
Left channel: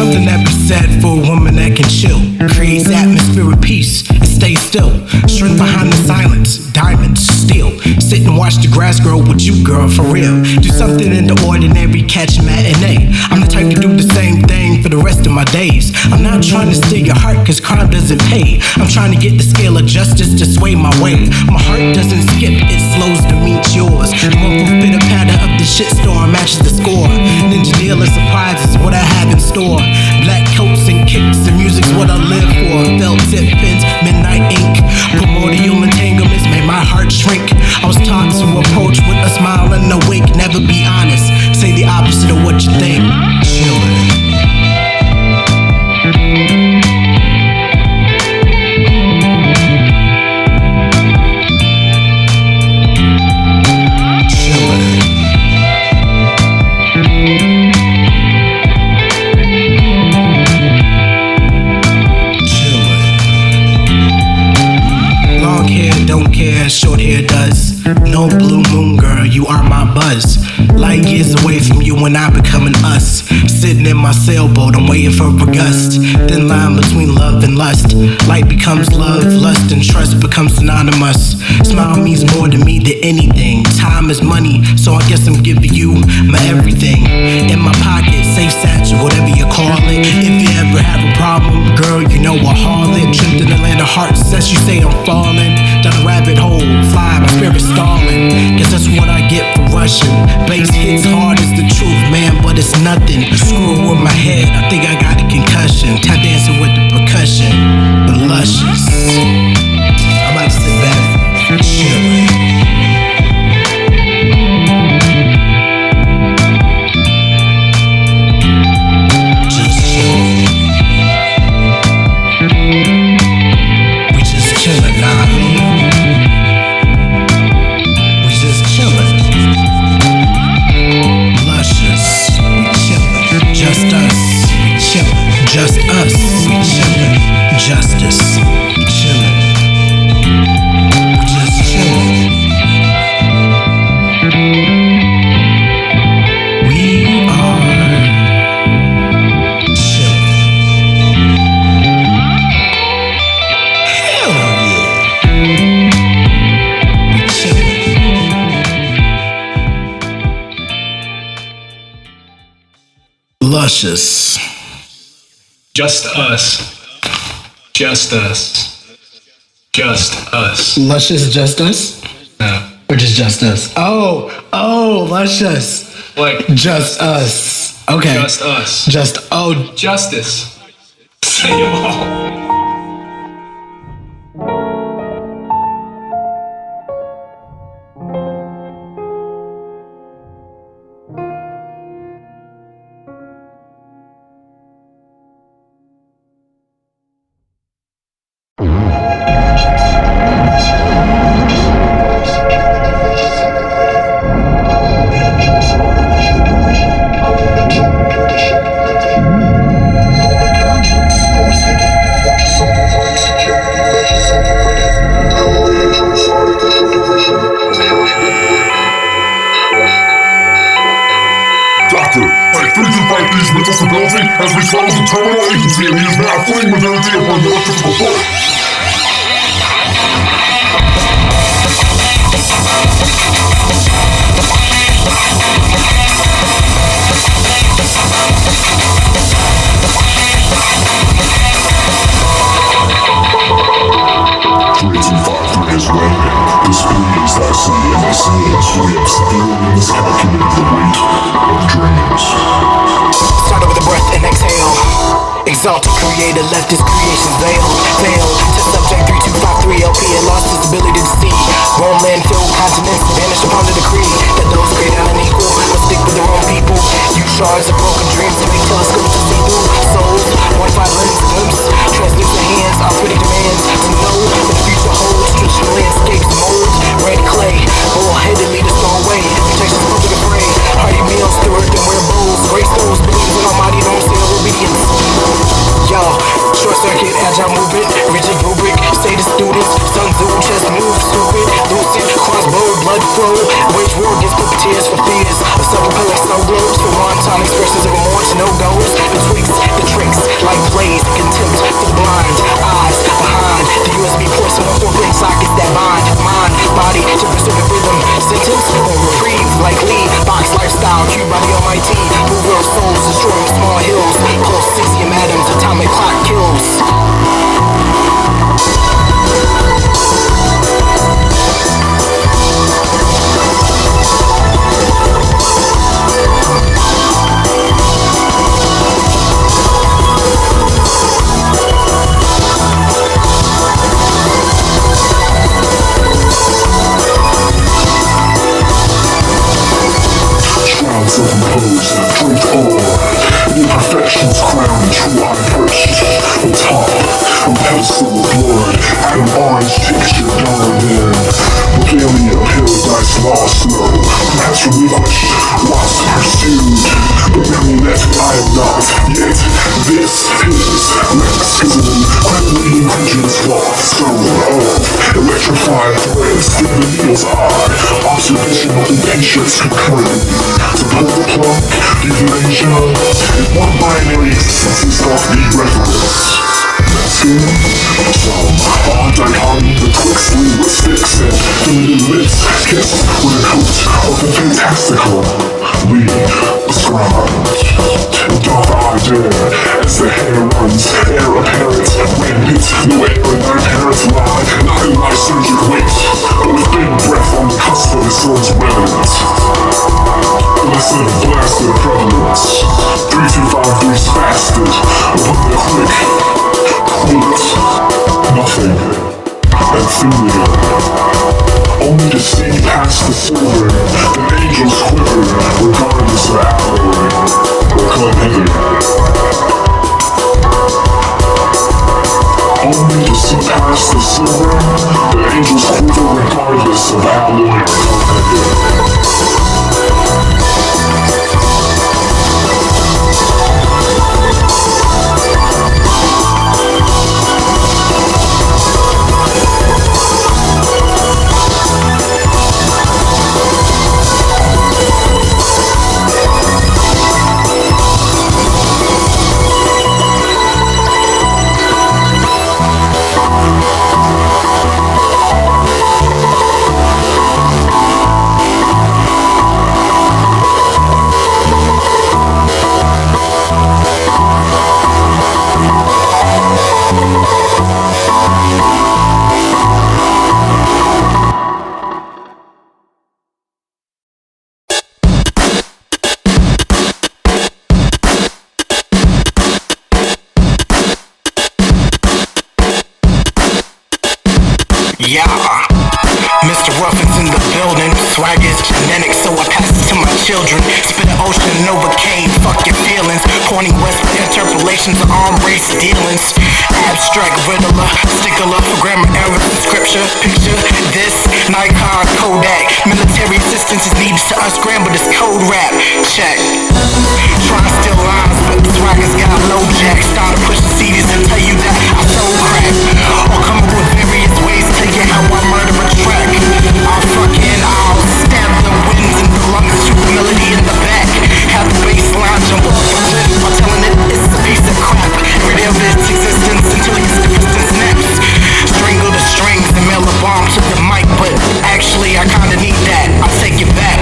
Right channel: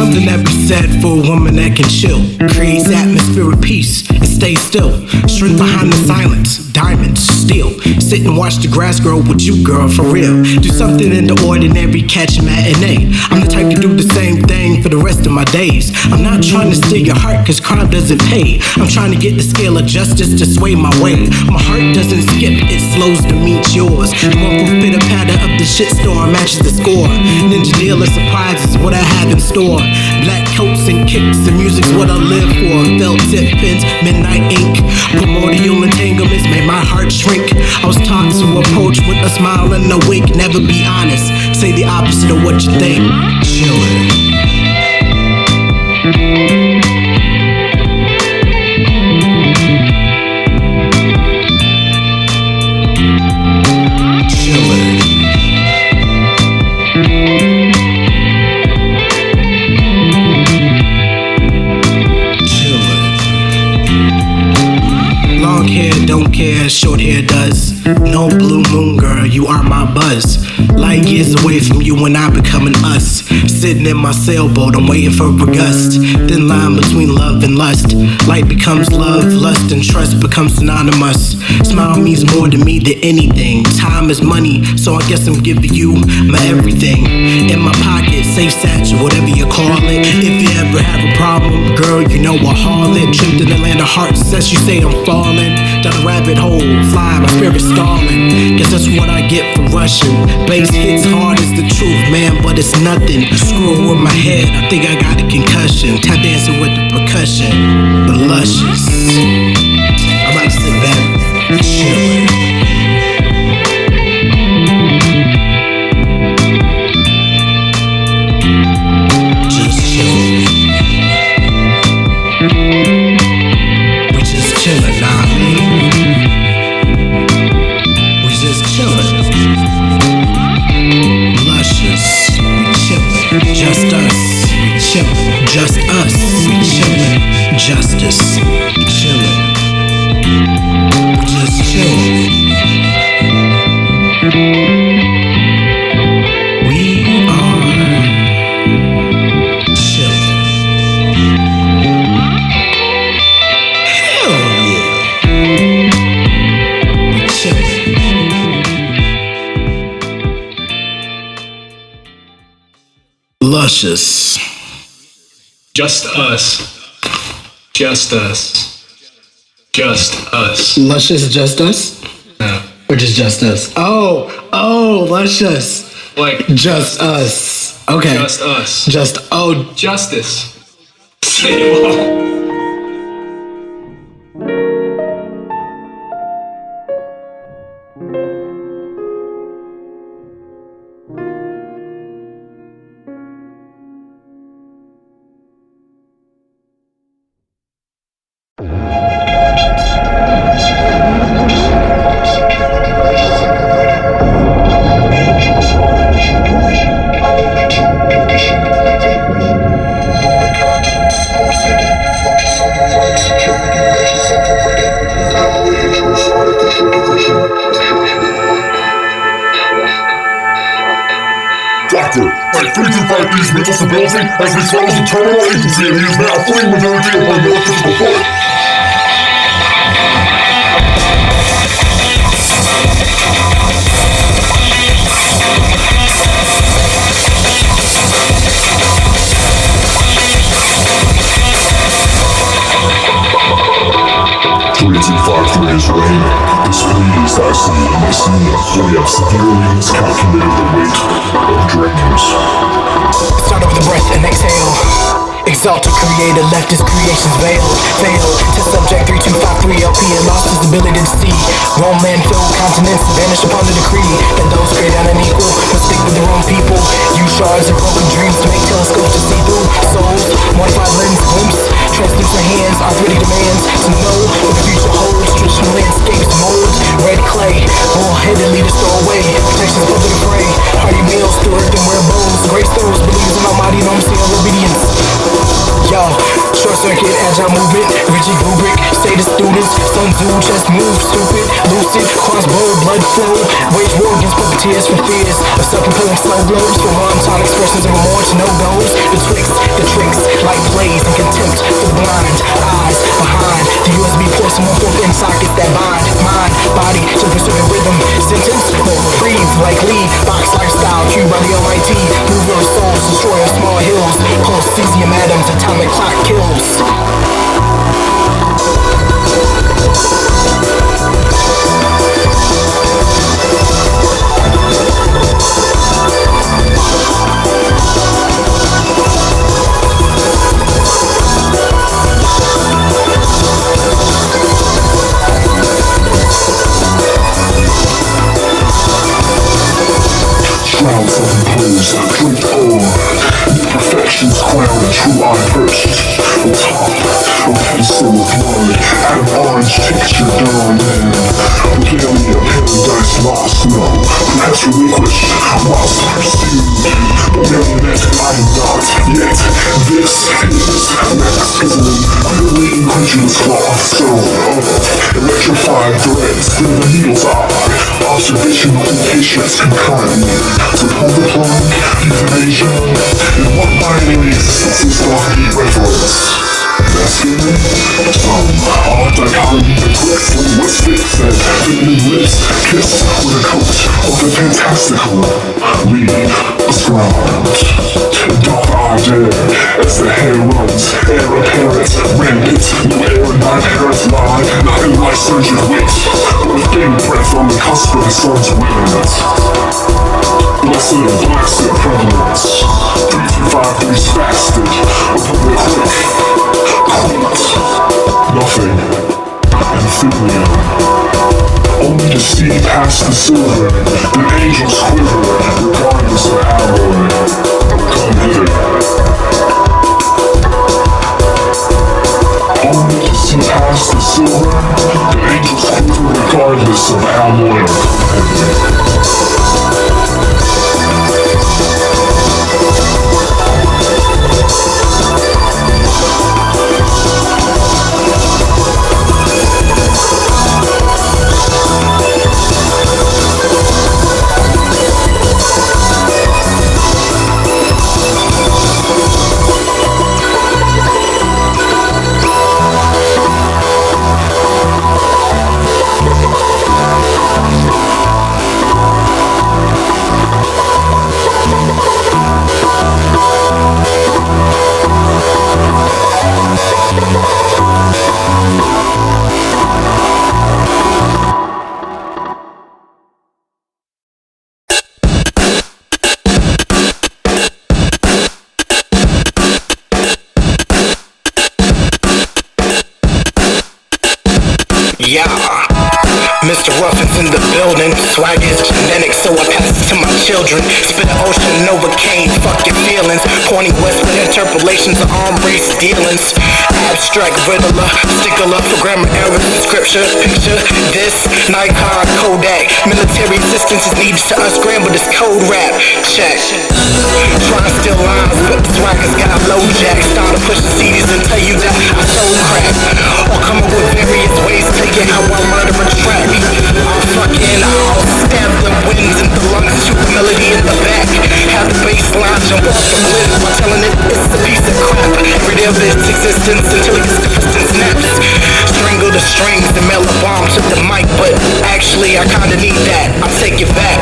Something that be said for a woman that can chill, creates atmosphere of peace and stay still. Strength behind the silence, diamonds, steel. Sit and watch the grass grow with you, girl, for real. Do something in the ordinary, catch a matinee. I'm the type to do the same thing for the rest of my days. I'm not trying to steal your heart, cause crime doesn't pay. I'm trying to get the scale of justice to sway my way. My heart doesn't skip, it slows to meet yours. The one from pitter patter of the shitstorm matches the score. Ninja dealer surprises what I have in store. Black coats and kicks and music's what I live for. Felt tip pins, midnight ink. Primordial entanglements made my heart shrink. I was taught to approach with a smile and a wink. Never be honest, say the opposite of what you think. Chillin'. Don't care, short hair does. No blue moon girl, you are my buzz. Light years away from you when I become an us. Sitting in my sailboat, I'm waiting for a gust. Thin line between love and lust. Light becomes love, lust and trust becomes synonymous. Smile means more to me than anything. Time is money, so I guess I'm giving you my everything. In my pocket, safe satchel, whatever you call it. If you ever have a problem, girl, you know I haul it. Tripped in the land of hearts, as you say I'm falling. Down a rabbit hole, fly, my spirit stalling. Guess that's what I get for rushing. Bass hits hard as the truth, man, but it's nothing. Screw with my head, I think I got a concussion. Tap dancing with the percussion, the luscious. I might sit back, chillin'. Just chillin'. We just chillin', nah, I mean. We just chillin'. Luscious, we chillin'. Just us, we chillin'. Just us, we chillin'. Justice, we chillin'. We just chillin'. We are chillin'. Hell yeah. We chillin'. Luscious. Just us. Just us. Just us. Luscious, just us? No. Or just us? Oh, luscious. Like Just us. Okay. Just us. Justice. Say them all. Doctor, type 325 B's mental stability has reached levels of terminal agency and he is now fleeing modernity upon the electrical foot. This peace I see in my scenes, we have severely miscalculated the weight of dreams. Start with a breath and exhale. Exalted creator left his creations veiled. Failed to subject 3253 LP and lost his ability to see. Grown men filled continents vanished upon the decree that those created unequal will stick with their own people. Use shards and broken dreams to make telescopes to see through souls. Modified lens glimpse, translucent hands, arthritic demands to know what the future holds. Traditional landscapes mold, red clay, bull-headed leaders throw away. Protections public affray, hearty meals through earth and wear bowls. Grace those believers in almighty enormity of obedience. Yo, short circuit, agile movement, rigid rubric, status students, Sun Tzu, chest move, stupid, lucid, crossbow, blood flow, wage war against puppeteers for fears of self-propelling snow globes, from wanton expressions of remorse to no-goes, betwixt the tricks, like plays and contempt for the blind, eyes behind the USB ports and 1/4 inch sockets that bind mind, body to the circuit rhythm, sentence, won't reprieve, like lead, box lifestyle, cued by the almighty, mover of souls, destroyer of small hills, pulse cesium atoms, atomic clock kills. Surgical weight, but with big breath on the cusp of the sun's weather. Yeah. Mr. Ruffin's in the building. Swag is genetic, so I pass it to my children. Spit an ocean Novocaine, fuck your feelings. Pointing west with interpolations of arm race dealings. Abstract riddler, stickler for grammar errors in scripture. Picture this, Nikon, Kodak. Military assistance is needed to unscramble this code rap. Check. Try to steal lines, but the swagger's got low jack. Started pushing CDs and tell you that I sold crack. Or come up with various ways, tell you how I murder a track. I'll stab the winds in the lungs and shoot the melody in the back. Have the bass line jump off the cliff by telling it it's a piece of crap. Every day of its existence until it gets depressed and snaps. Strangle the strings and mail a bomb to the mic, but actually I kinda need that. I'll take it back.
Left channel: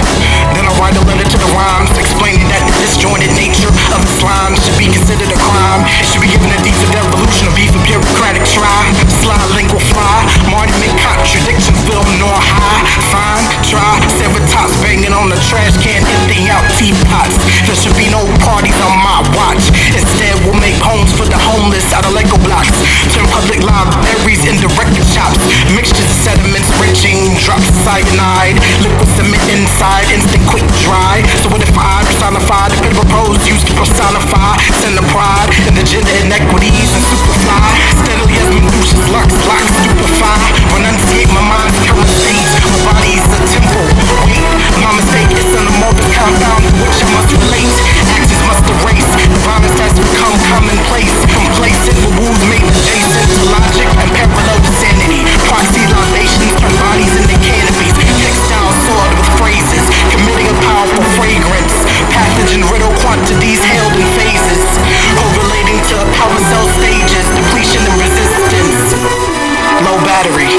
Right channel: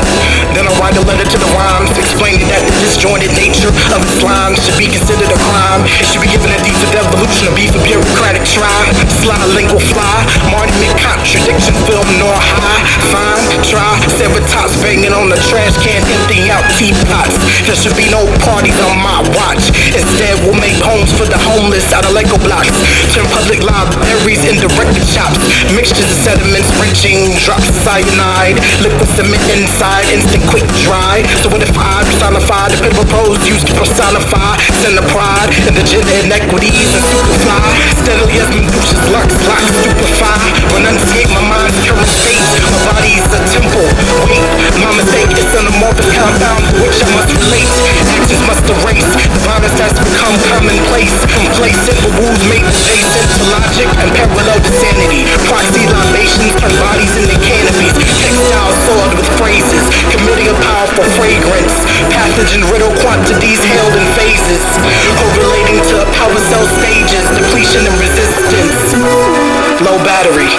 Then I'll write a letter to the rhymes explaining that the disjointed nature of its lines should be considered a crime. It should be given a D for devolution, a B for bureaucratic try. Sly lingual fly, Marty McContradiction film nor high. Fine, try, Ceratops banging on the trash can, emptying out teapots. There should be no parties on my watch. Instead we'll make homes for the homeless out of Lego blocks. Turn public libraries into record shops. Mixtures of sediments, wrenching, drops of cyanide. Liquid cement inside, instant quick dry. So what if I personify the pitiful prose used to personify center pride and the gender inequities and superfly. Steadily as Medusa's locks, stupefy. Renunciate my mind's current state. My body's a temple. Wait, my mistake is an amorphous compound to which I must relate. Actions must erase. The violence has become commonplace. Complacent with rules made adjacent to logic and parallel to sanity. Proxy libations turn bodies into canopies. Textiles soiled with phrases. Committing a powerful fragrance. Pathogen riddle quantities held in phases. Correlating to power cell stages. Depletion and resistance. Low battery.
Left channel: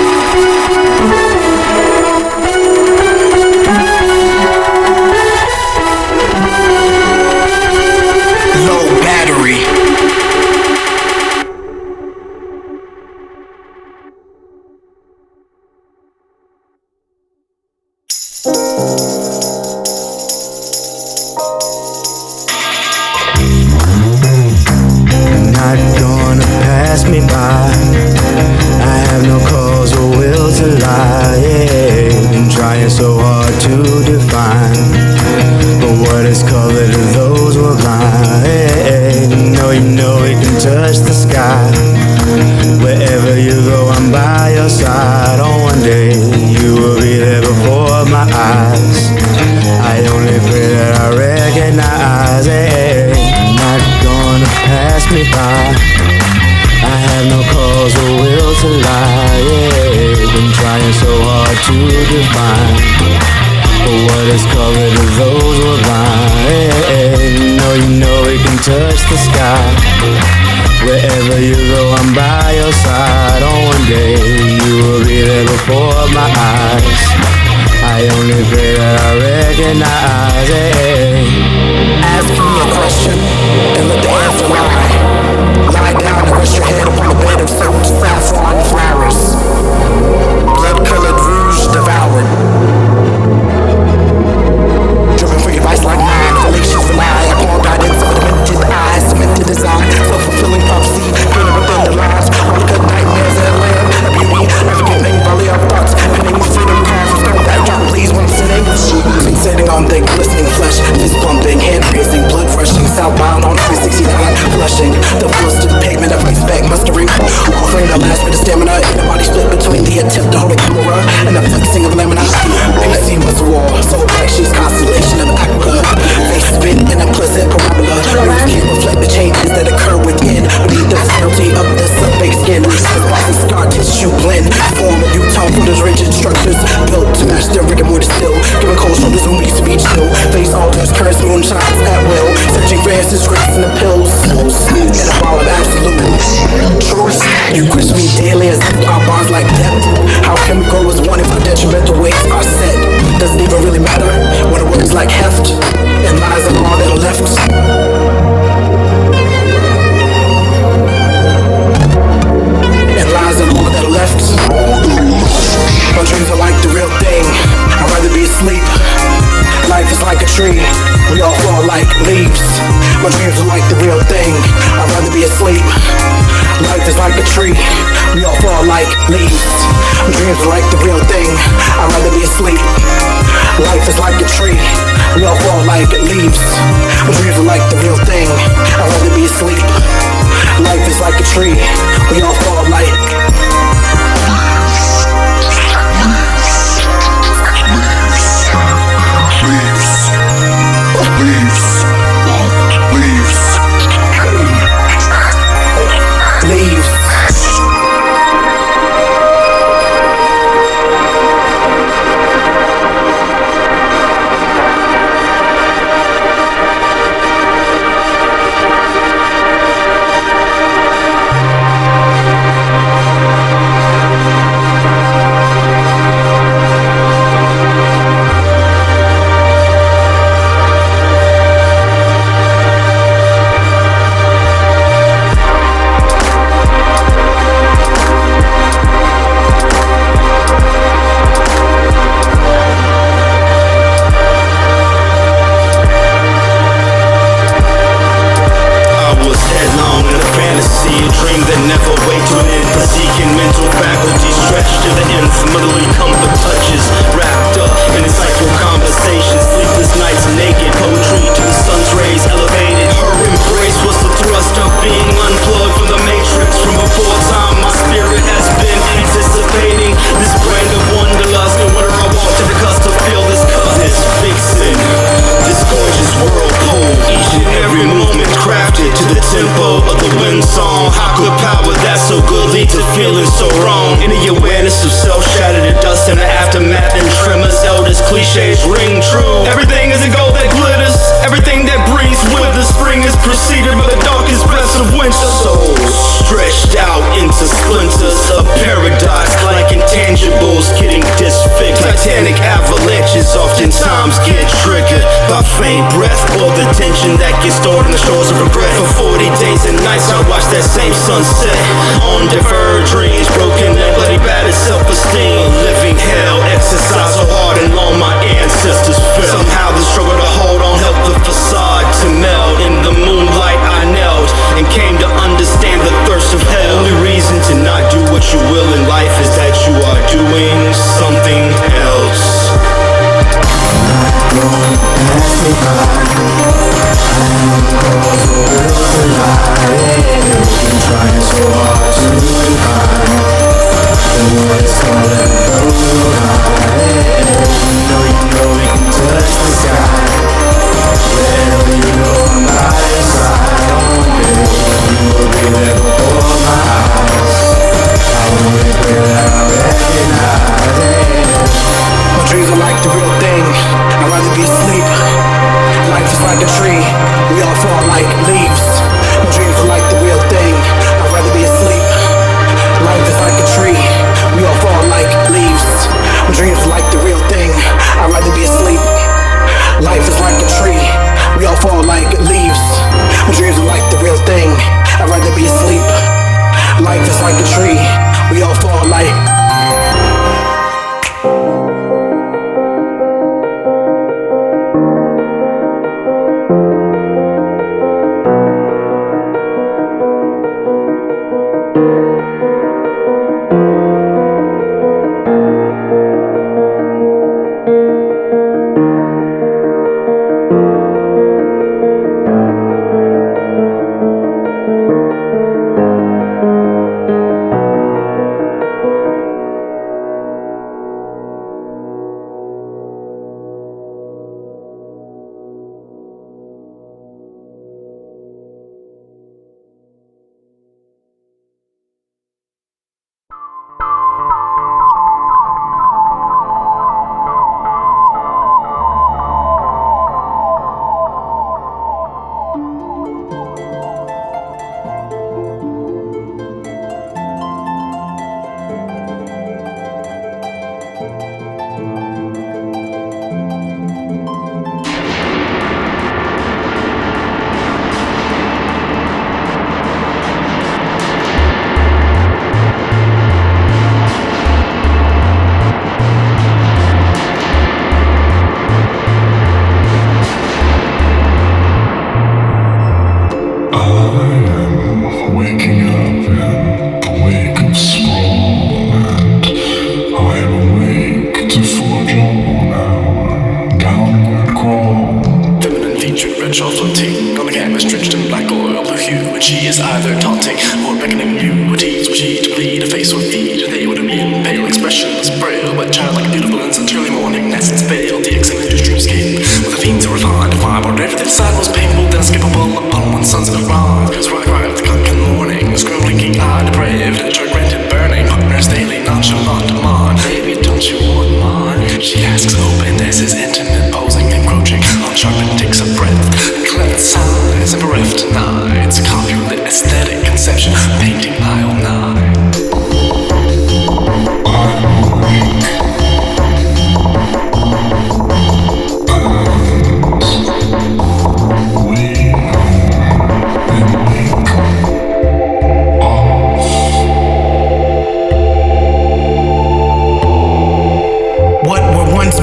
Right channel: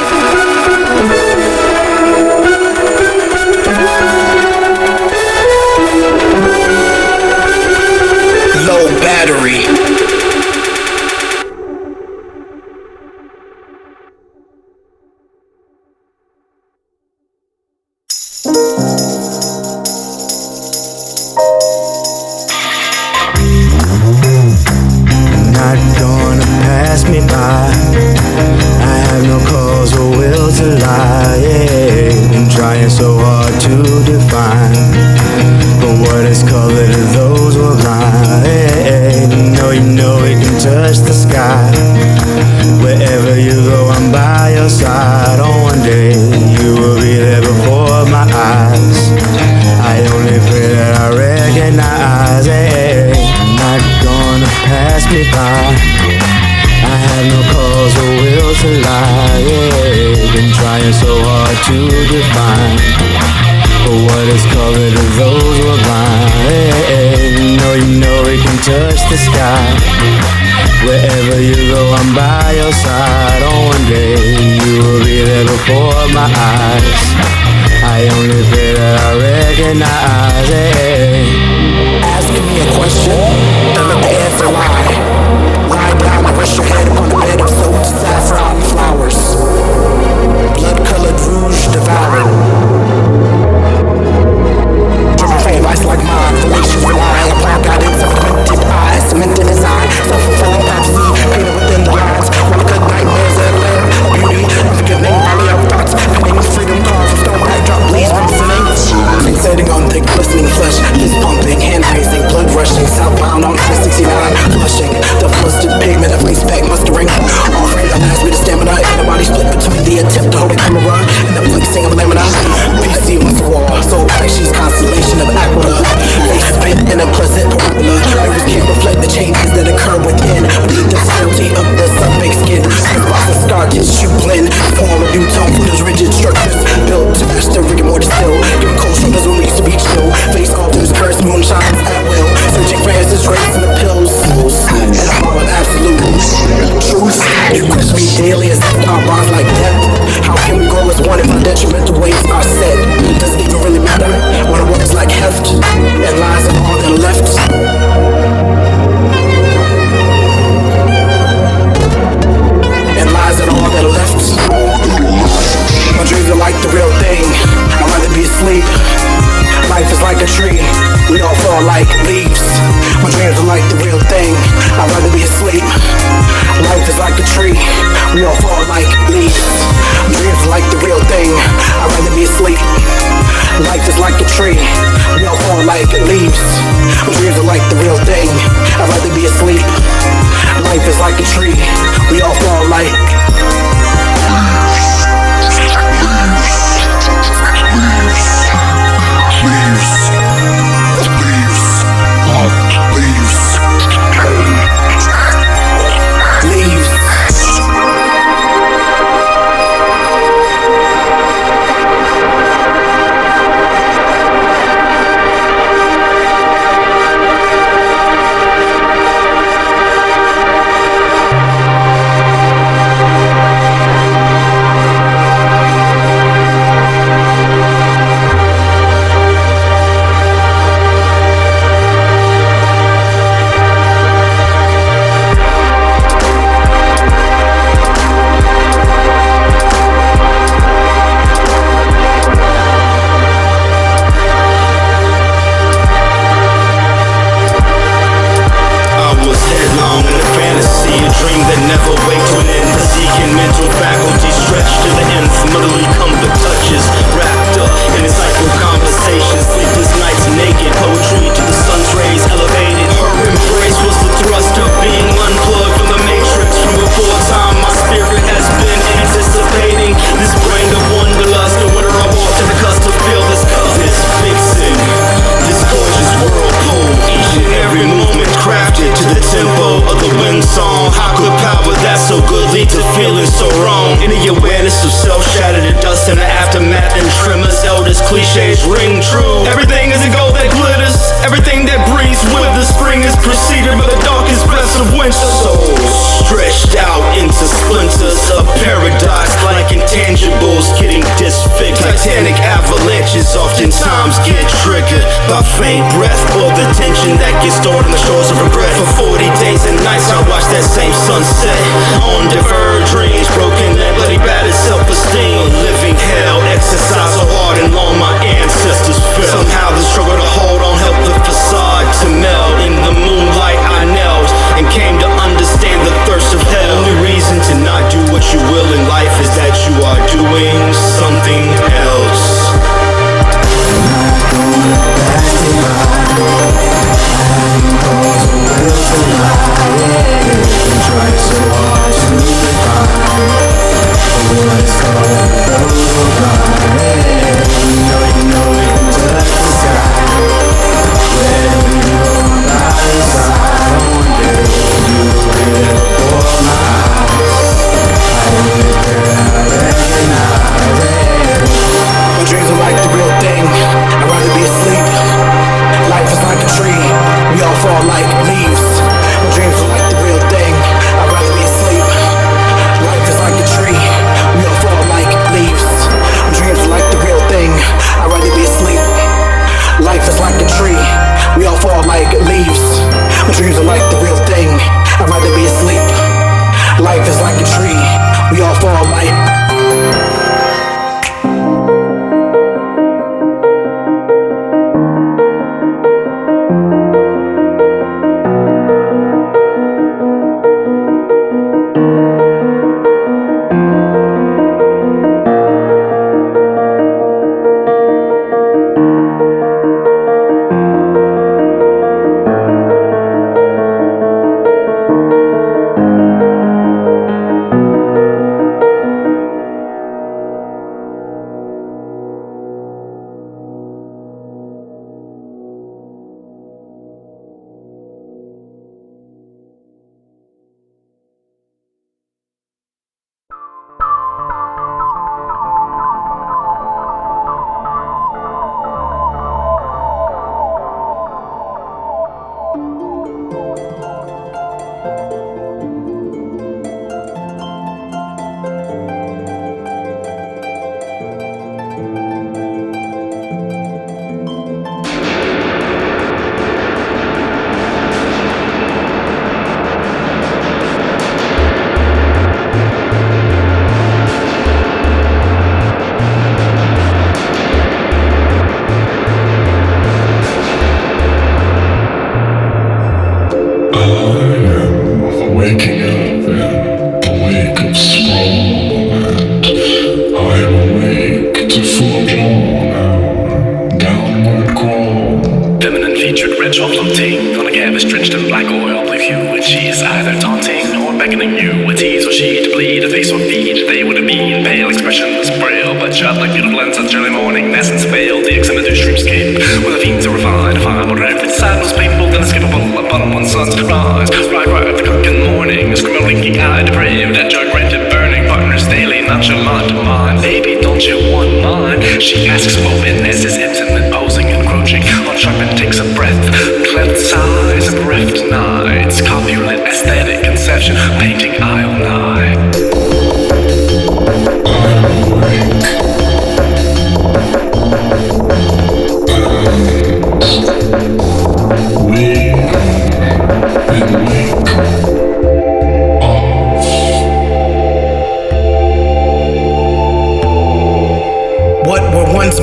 Low battery. Not gonna pass me by. I have no cause or will to lie. Yeah. I'm trying so hard to define, but what is color to those who are blind? Hey, you know it can touch the sky. Wherever you go, I'm by your side. On one day, you will be there before my eyes. I only pray that I recognize. Hey, not gonna pass me by. I have no cause or will to lie. Yeah, been trying so hard to define, but what is color to those who are blind? Hey, you know it can touch the sky. Wherever you go, I'm by your side. On one day, you will be there before my eyes. I only pray that I recognize. Hey. Ask me a question, and let the answer lie. Lie down and rest your head upon a bed of soaked saffron flowers. Blood-colored rouge devoured. Driven for your vice like mine. Relations rely upon guidance of a demented eye. Cemented design, self-fulfilling prophecy painted within the lines. While I cut nightmares at lair. A beauty, unforgiving volley of thoughts. Penning freedom carved from stone backdrop. Please when I'm sinning. Fixating on thick, glistening flesh. Fist pumping, hand raising, blood rushing. Southbound on 369, flushing. The flustered pigment of ice back mustering. Offering that lasts me the stamina. In the body split between the attempt to hold a camera and the flexing of lamina. PC muscle war, soul she's constellation of aqua. Face spit in a pleasant parabola. Mirrors can't reflect the changes that occur within. Beneath the frailty of the sun-baked skin. Spots and scar tissue blend. Form a new tone for those rigid structures built to match the rigor mortis still. Giving cold shoulders when we used to be chill. Face alters, curse moonshines at will. Searching for answers, grapes and the pills. And a ball of absolute truth. You question me daily as if our bonds like depth. How can we grow as one if our detrimental weights are set? Does it even really matter when a word is like heft and lies of all that are left? And lies and all that are left. My dreams are like the real thing. I'd rather be asleep. Life is like a tree. We all fall like leaves. My dreams are like the real thing. I'd rather be asleep. Life is like a tree. We all fall like leaves. Dreams are song and a fantasy, a dream that never wake to an end. Physique and mental faculties stretched to the nth. Motherly comfort touches, wrapped up in insightful conversations. Sleepless nights naked, poetry to the sun's rays elevated. Her embrace was the thrust of being unplugged from the matrix. From before time, my spirit has been anticipating this brand of wanderlust. No wonder I walk to the cusp to feel this cup. This vixen, this gorgeous whirlpool, each and every movement crafted to the tempo of the wind song. How could power that's so good lead to feeling so wrong? In the awareness of self shattered to dust in the aftermath and tremors, elders cliches ring true. Everything is a gold that glitters, everything that breathes with the spring is preceded by the darkest breaths of winter. Souls stretched out into splinters of paradise, like intangibles getting disfigured. Titanic avalanches oftentimes get triggered by faint breath or the tension that gets stored on the shores of regret. For 40 days and nights I watch that same sunset on deferred dreams, broken and bloody battered self-esteem. A living hell, exercise so hard and long my ancestors fell. Somehow the struggle to hold on helped the facade to melt. In the moonlight I knelt and came to understand the thirst of hell. The only reason to not do what you will in life is that you are doing something else. Not gonna pass me by. I am cause a will to lie. I'm trying so hard to define what it's called and those will lie. You know we can touch the sky. Wherever you go, I'm by your side. On one day, you will be there before my eyes. I only pray that I recognize it. My dreams are like the real thing. I'd rather be asleep. Life is like a tree. We all fall like leaves. My dreams are like the real thing. I'd rather be asleep. Life is like a tree. We all fall like leaves. My dreams are like the real thing. I'd rather be asleep. Life is like a tree. We all fall like leaves. My dreams are like the real thing. I'd rather be asleep. Life is like a tree. We all fall like.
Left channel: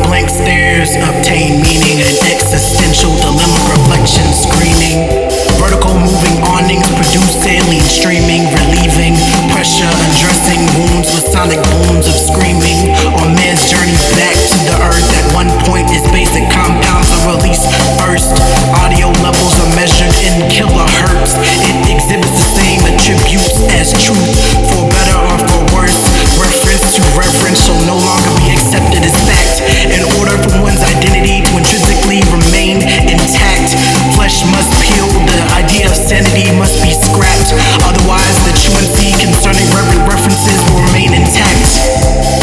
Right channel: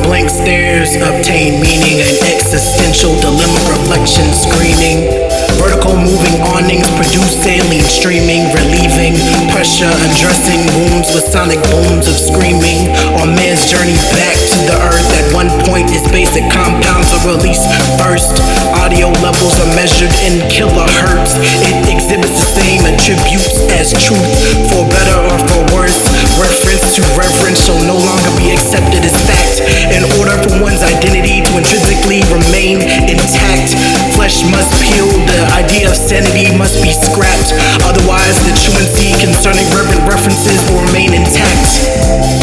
Blank stares obtain meaning, an existential dilemma reflection screening. Vertical moving awnings produce saline streaming, relieving pressure, undressing wounds with sonic booms of screaming. On man's journey back to the earth, at one point its basic compounds are released first. Audio levels are measured in kilohertz. It exhibits the same attributes as truth, for better or for worse. Reference to reverence shall no longer be accepted as fact. In order for one's identity to intrinsically remain intact, flesh must peel, the idea of sanity must be scrapped. Otherwise, the truancy concerning reverent references will remain intact.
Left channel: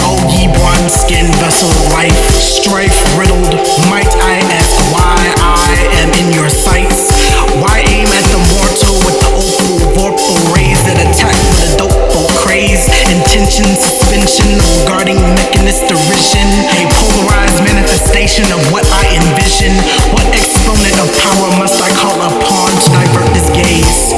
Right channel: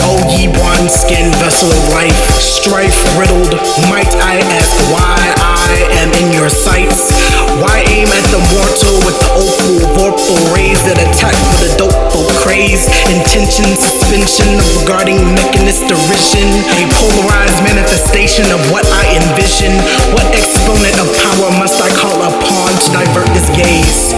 O ye one skin vessel of life, strife riddled, might I ask why I am in your sights? Why aim at the mortal with the opal vorpal rays that attack with a dopeful craze? Intention, suspension of regarding mechanist derision, a polarized manifestation of what I envision. What exponent of power must I call upon to divert this gaze?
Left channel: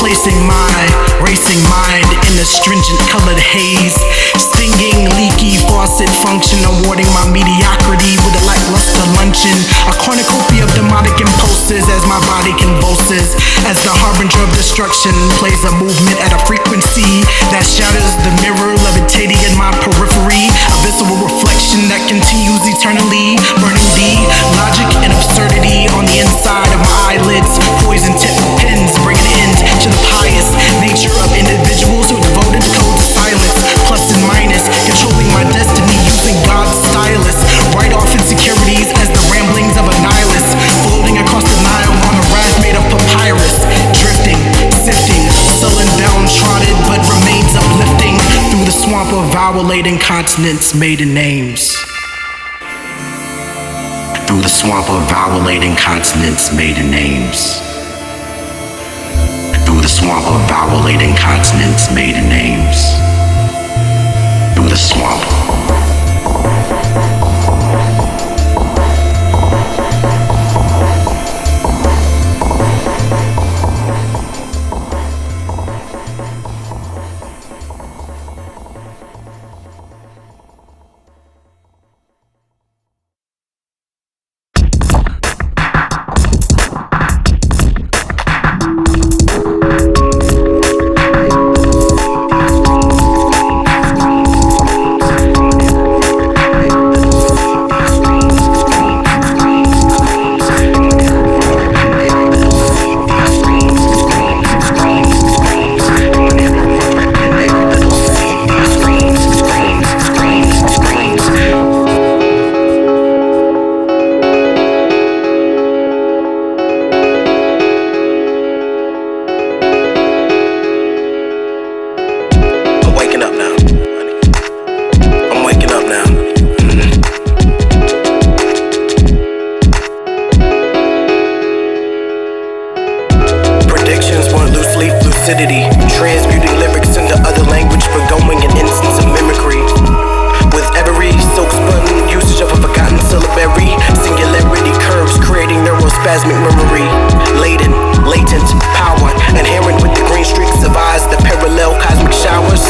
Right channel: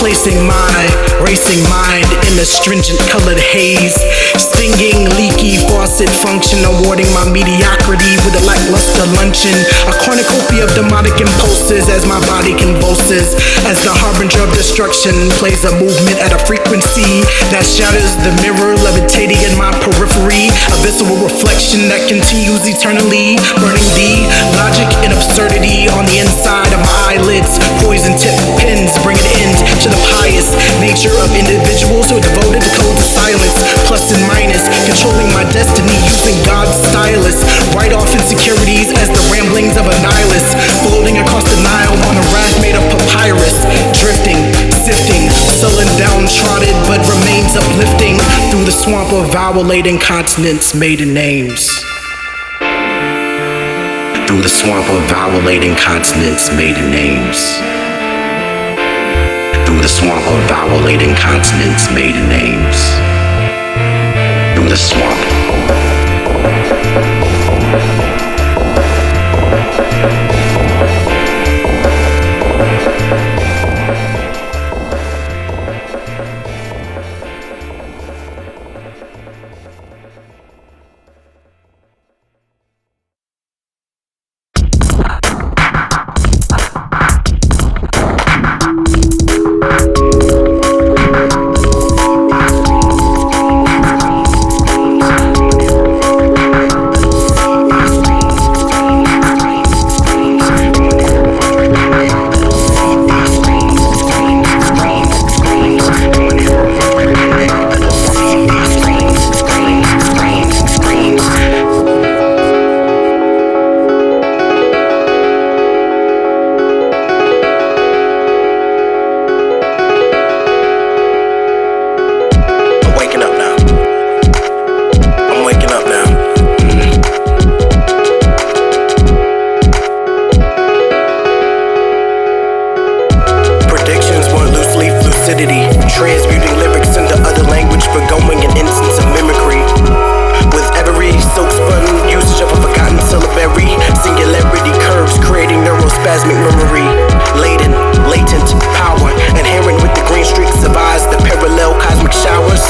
Placing my racing mind in a stringent colored haze, stinging leaky faucet function, awarding my mediocrity with a lackluster luncheon. A cornucopia of demonic impulses as my body convulses, as the harbinger of destruction plays a movement at a frequency that shatters the mirror levitating in my periphery. A visceral reflection that continues eternally, burning the logic and absurdity on the inside of my eyelids. Poison tip pins bring an end to the pious nature of individuals who are devoted to codes of silence, plus and minus, controlling my destiny using God's stylus. Write off insecurities as the ramblings of a nihilist, floating across the Nile on a raft made of papyrus, drifting, sifting, sullen, downtrodden, but remains uplifting through the swamp of vowel-laden continents, maiden names. Through the swamp of vowel-laden continents, maiden names. Through the swamp of vowel-laden continents, maiden names. Through the swamp. Transmuting lyrics into other language, forgoing an instance of mimicry. With every silk-spun usage of a forgotten syllabary, singularity curves creating neurospasmic memory. Laden, latent power, inherent with the green streaks of eyes, the parallel cosmic showers.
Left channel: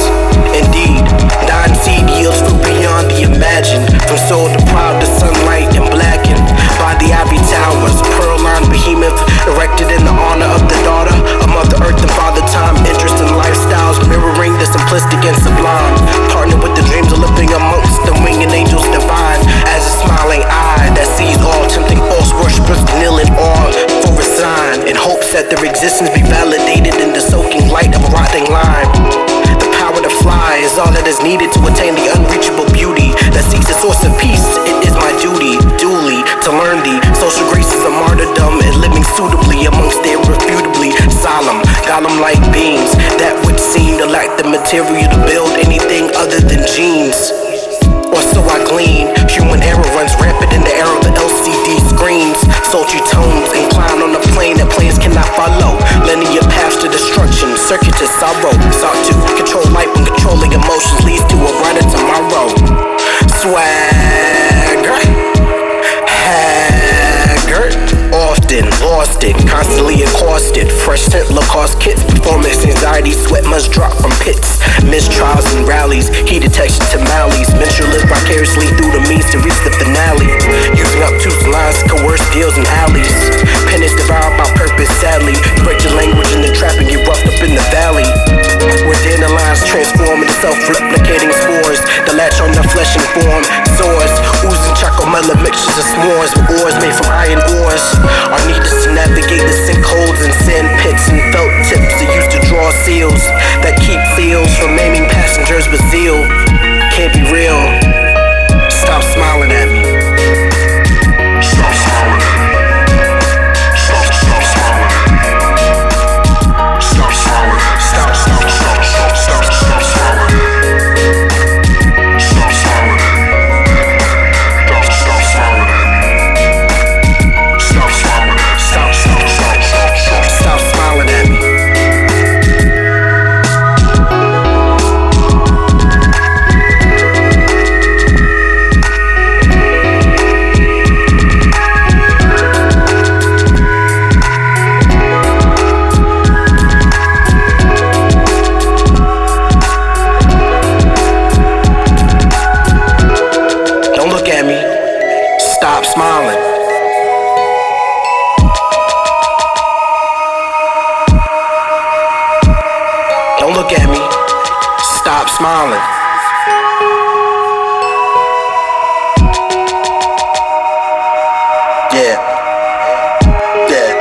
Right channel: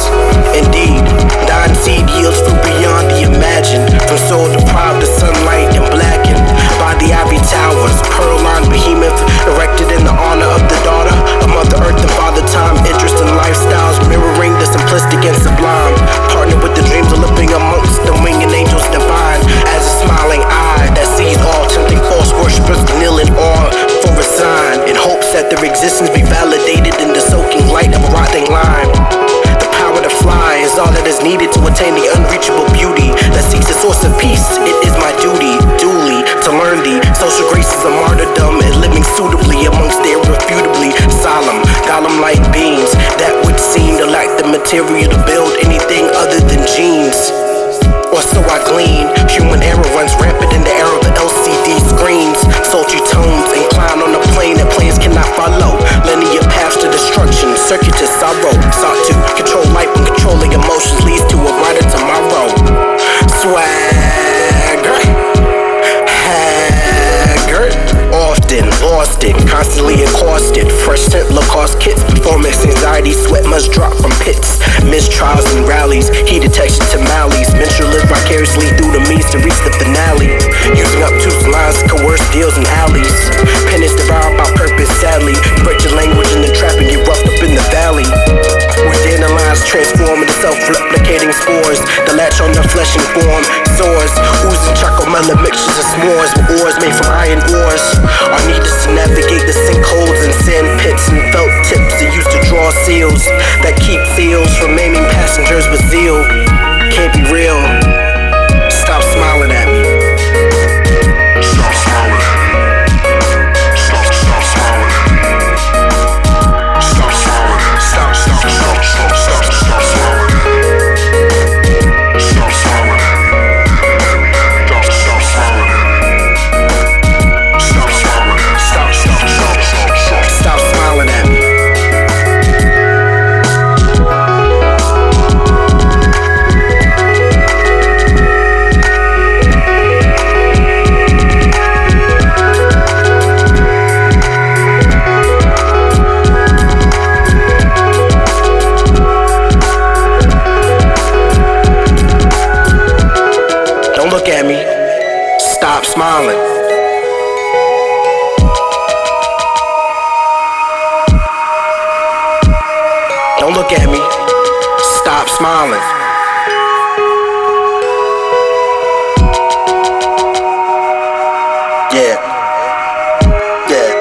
Indeed, dying seed yields fruit beyond the imagined. From soul deprived of sunlight and blackened by the ivy towers. Pearl-lined behemoth erected in the honor of the daughter of Mother Earth and Father Time. Interest in lifestyles mirroring the simplistic and sublime. Partner with the dreams of living amongst the winged angels divine. As a smiling eye that sees all, tempting false worshippers kneel in awe for a sign, in hopes that their existence be validated in the soaking light of a rotting lime. The power to fly is all that is needed to attain the unreachable beauty that seeks a source of peace. It is my duty, duly, to learn the social graces of martyrdom and living suitably amongst the irrefutably solemn, golem-like beings that would seem to lack the material to build anything other than genes. Or so I glean. Human error runs rampant in the era of the LCD screens. Sultry tones incline on a plane that players cannot follow. Linear paths to destruction, circuitous sorrow. Sought to control life when controlling emotions leads to a brighter tomorrow. Swagger, haggard, often lost exhausted, constantly accosted. Fresh scent Lacoste kits, performance anxiety, sweat must drop from pits. Missed trials and rallies, key detection to mallies. Mental live vicariously through the means to reach the finale. Using obtuse lines to coerce deals in alleys. Pen is devoured by purpose, sadly. Break your language in the trap and get roughed up in the valley. Where dandelions transform into self-replicating spores. The latch on the flesh and form soars, oozing chocolate mixtures of s'mores with ores made from iron ores. Are needed to navigate the sinkholes and sand pits and felt tips that used to draw seals that keep seals from maiming passengers with zeal. Can't be real. Stop smiling at me. Stop smiling at me. Stop smiling at me. Stop smiling at me. Stop smiling at me. Stop smiling at me. Stop smiling at me. Stop smiling at me. Stop smiling at me. Stop smiling at me. Don't look at me. Stop smiling. Don't look at me. Stop smiling. Yeah. Yeah.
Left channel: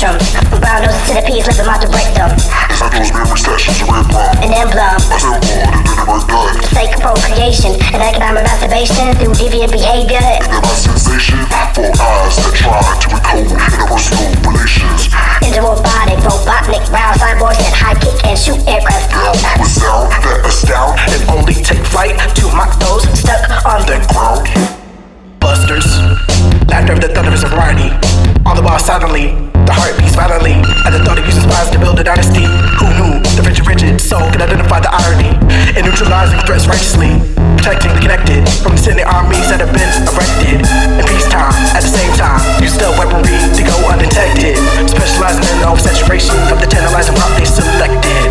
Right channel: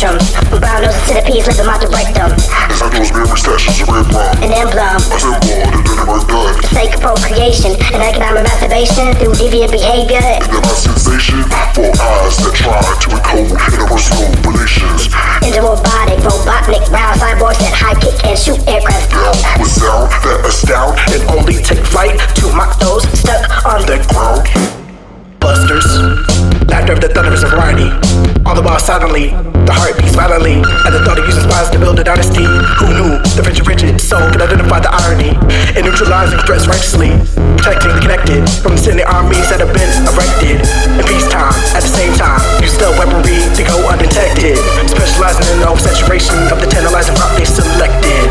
spectrums. From brown noses to the peas, live them out the rectum. As I those memory sessions, a red plum. An emblem. A symbol that didn't work done. For the sake of procreation and economic masturbation through deviant behavior. And then my sensation for eyes that try to encode interpersonal relations. Interrobotic, robotnik, round cyborgs that high kick and shoot aircraft out. With sound that astound And only take flight to mock those Stuck on the ground. busters. Laughter of the thunderous variety. All the while silently, the heart beats violently at the thought of using spies to build a dynasty. Who knew the rigid soul could identify the irony in neutralizing threats righteously, protecting the connected from the sending armies that have been erected in peacetime. At the same time, use stealth weaponry to go undetected, specializing in the oversaturation of the tantalizing route they selected.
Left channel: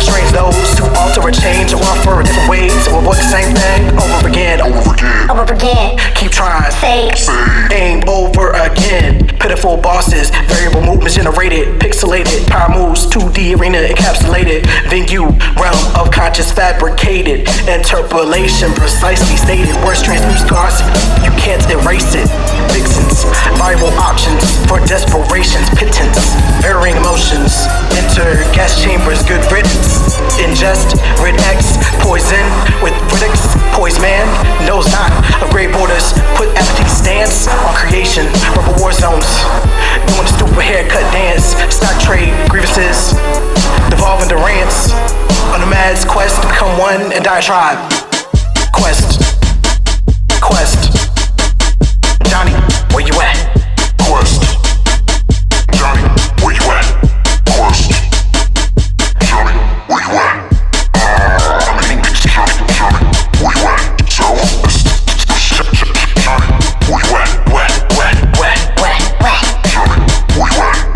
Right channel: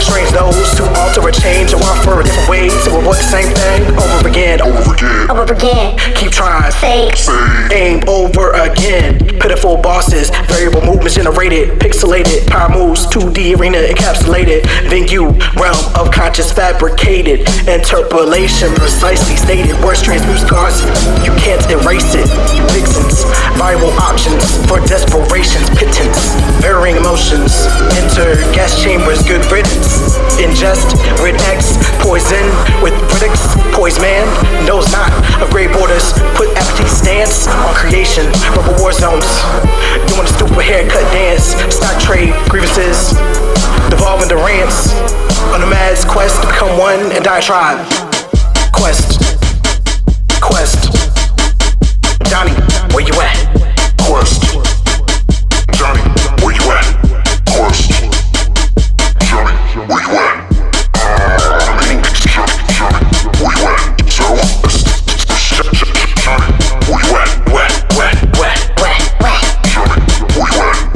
Strange those who alter or change or offer a different way to avoid the same thing over again. over again. Keep trying. Say Aim over again. Pitiful bosses, variable movements generated, pixelated, power moves, 2D arena encapsulated, venue, realm of conscious fabricated, interpolation precisely stated, words transmute scars, you can't erase it. Vixens, viable options for desperations, pittance, varying emotions, enter gas chambers, good riddance, ingest, rid X, poison with critics, poise man, knows not of gray borders, put apathy stance on creation, rubber war zones, doing a stupid haircut dance, stock trade, grievances, devolving to rants, on a mad's quest to become one and diatribe. Quest, Johnny, where you at? Quest. Johnny, where you at? Quest. Johnny, where you at? Johnny, where you at? So, Johnny, where you at? Johnny, where you at?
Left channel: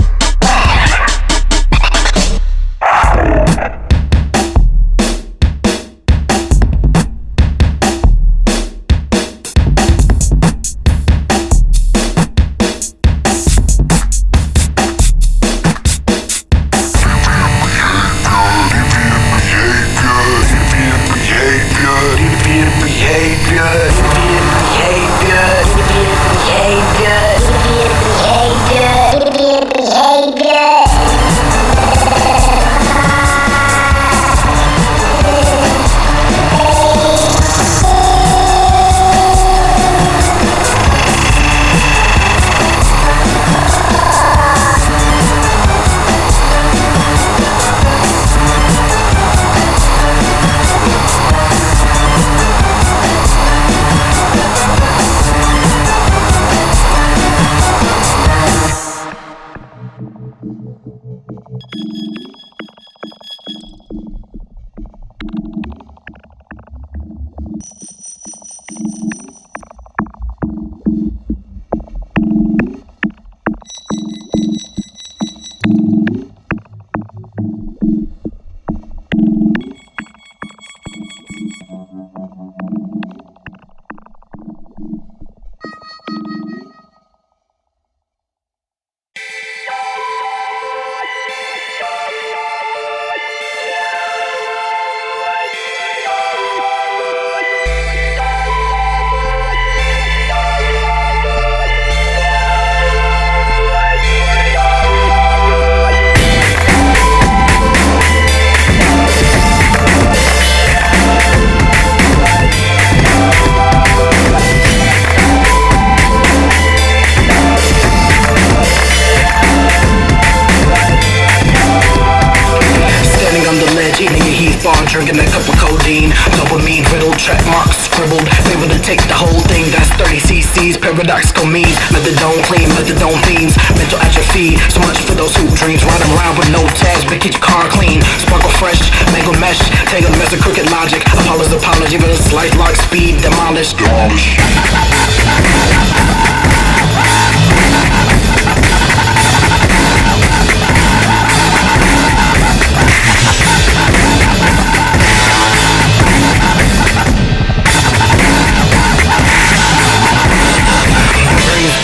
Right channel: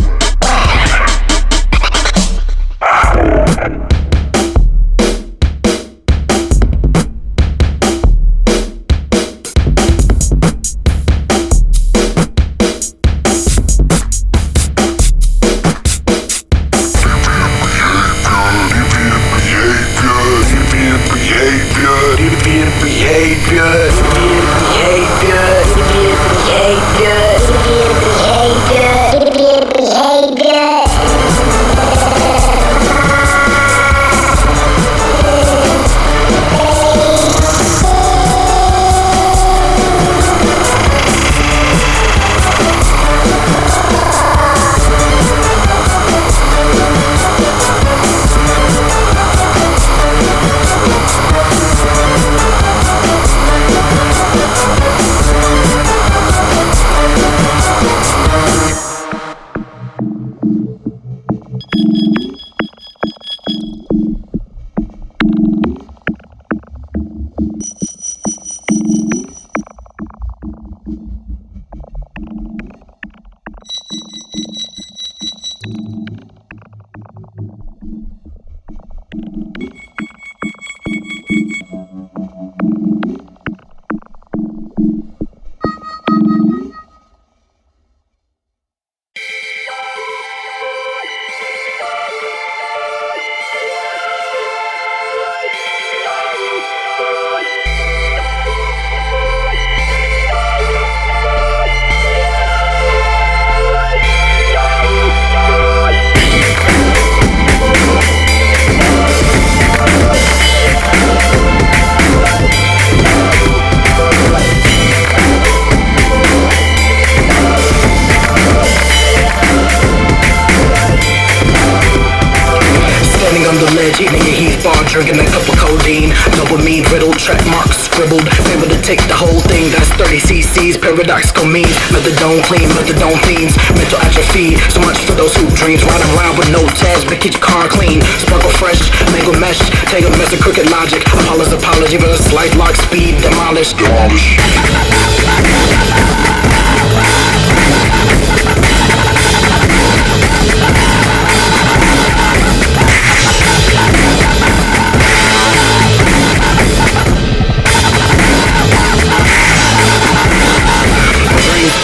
Drinking a cup of codeine, dopamine riddled, track marks scribbled, able to take the whole thing, that's 30 cc's, paradoxical means, methadone clean, methadone themes, mental atrophy, so much for those who dreams, riding around with no tags, but keep your car clean, sparkle fresh, mangled mesh, tangled mess of crooked logic, apology, even a slight lock speed, demolish.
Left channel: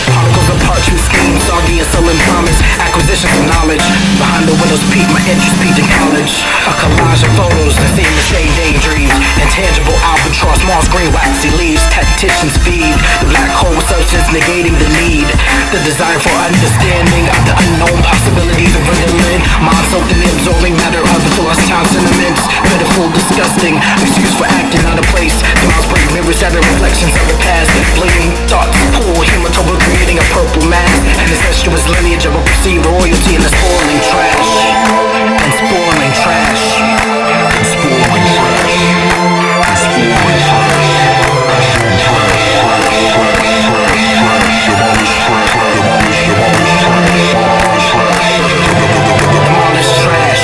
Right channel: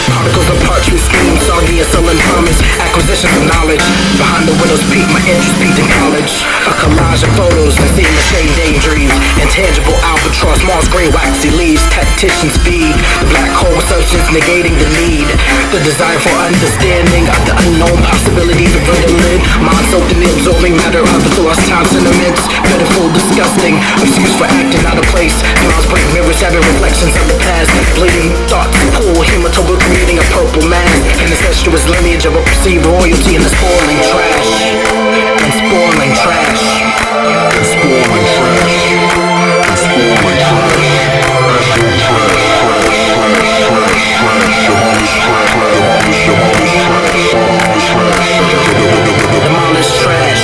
Particles of parchment scheme, soggy a sullen promise. Acquisitions of knowledge. Behind the windows peak, my interest peaked in college. A collage of photos and seeing the same daydreams. Intangible albatross, Mars green waxy leaves. Tacticians feed the black hole with substance negating the need. The desire for understanding of the unknown possibilities of dwindling. Mind soaked in the absorbing matter of the lost time sentiments. Pitiful, disgusting, excuse for acting out of place. Smiles break mirrors, having reflections of the past. Bleeding thoughts pool, hematoma creating a purple mass. An incestuous lineage of a perceived royalty in the spoiling trash. And spoiling trash. And spoiling trash. And spoiling trash. Actual trash, trash, trash, trash, trash. Demolish trash, demolish, demolish trash, demolish trash. Demolish trash.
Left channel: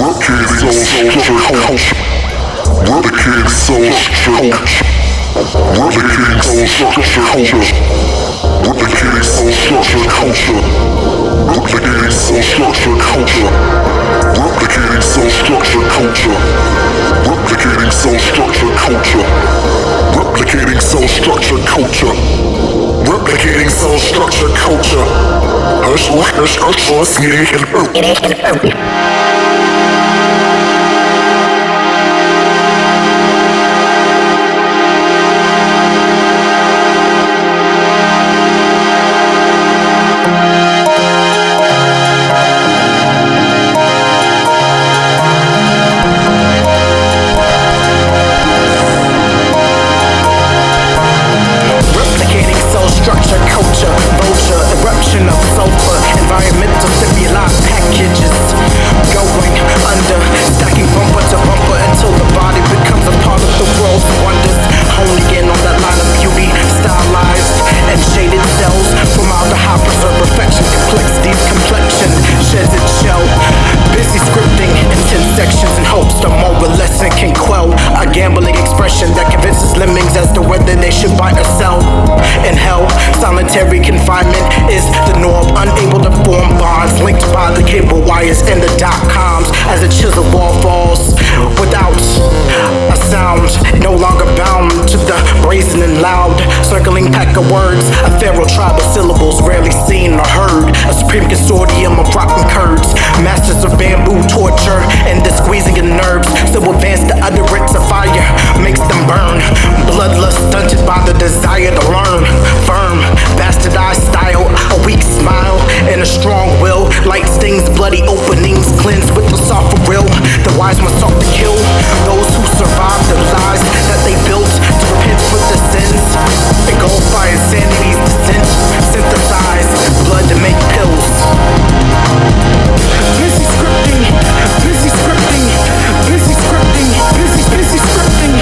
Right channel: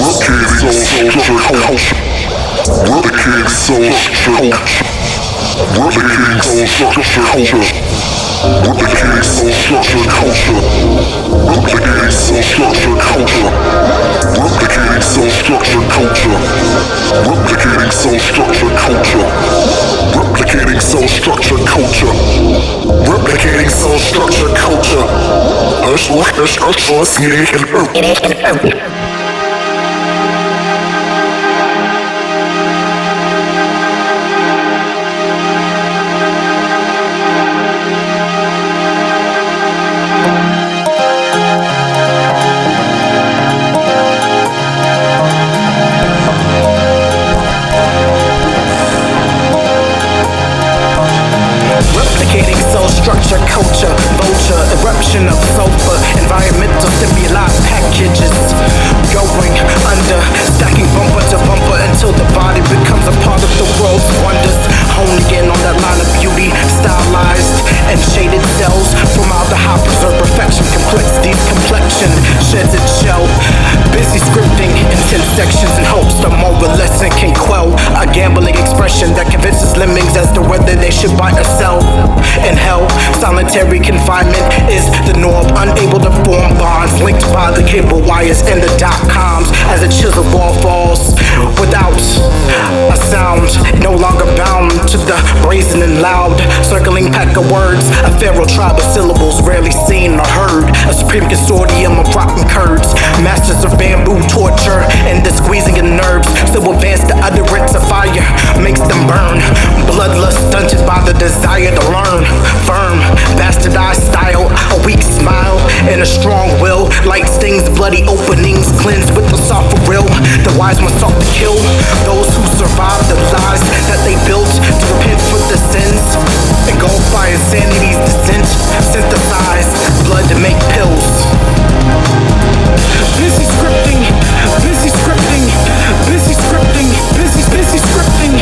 Replicating soul structure culture. Replicating soul structure culture. Replicating soul structure culture. Replicating soul structure culture. Replicating soul structure culture. Replicating soul structure culture. Replicating soul structure culture. Replicating soul structure culture. Structure, culture, vulture, eruption of sulfur, environmental stimuli packages going under, stacking bumper to bumper until the body becomes a part of the world's wonders. Honing in on that line of beauty, stylized and shaded cells from all the high preserved perfection, complexity's complexion sheds its shell. Busy scripting intense sections in hopes the moral lesson can quell a gambling expression that convinces lemmings as to whether they should buy or sell. In hell, solitary confinement is the norm, unable to form bonds linked by the cable wires and the .coms as a chisel ball falls without a sound, no longer bound to the brazen and loud circling pack of words, a feral tribe of syllables rarely seen or heard, a supreme consortium of rotten curds, masters of bamboo torture and the squeezing of nerves, so advanced the utterance of fire makes them burn, bloodlust stunted by the desire to learn, firm, bastardized and a strong will. Light stings, bloody openings, cleanse with the soft will. The wise must sought to kill those who survive the lies that they built to repent for the sins. Engulfed by insanity's descent, synthesize blood to make pills. Busy scripting, busy scripting, busy scripting, busy scripting,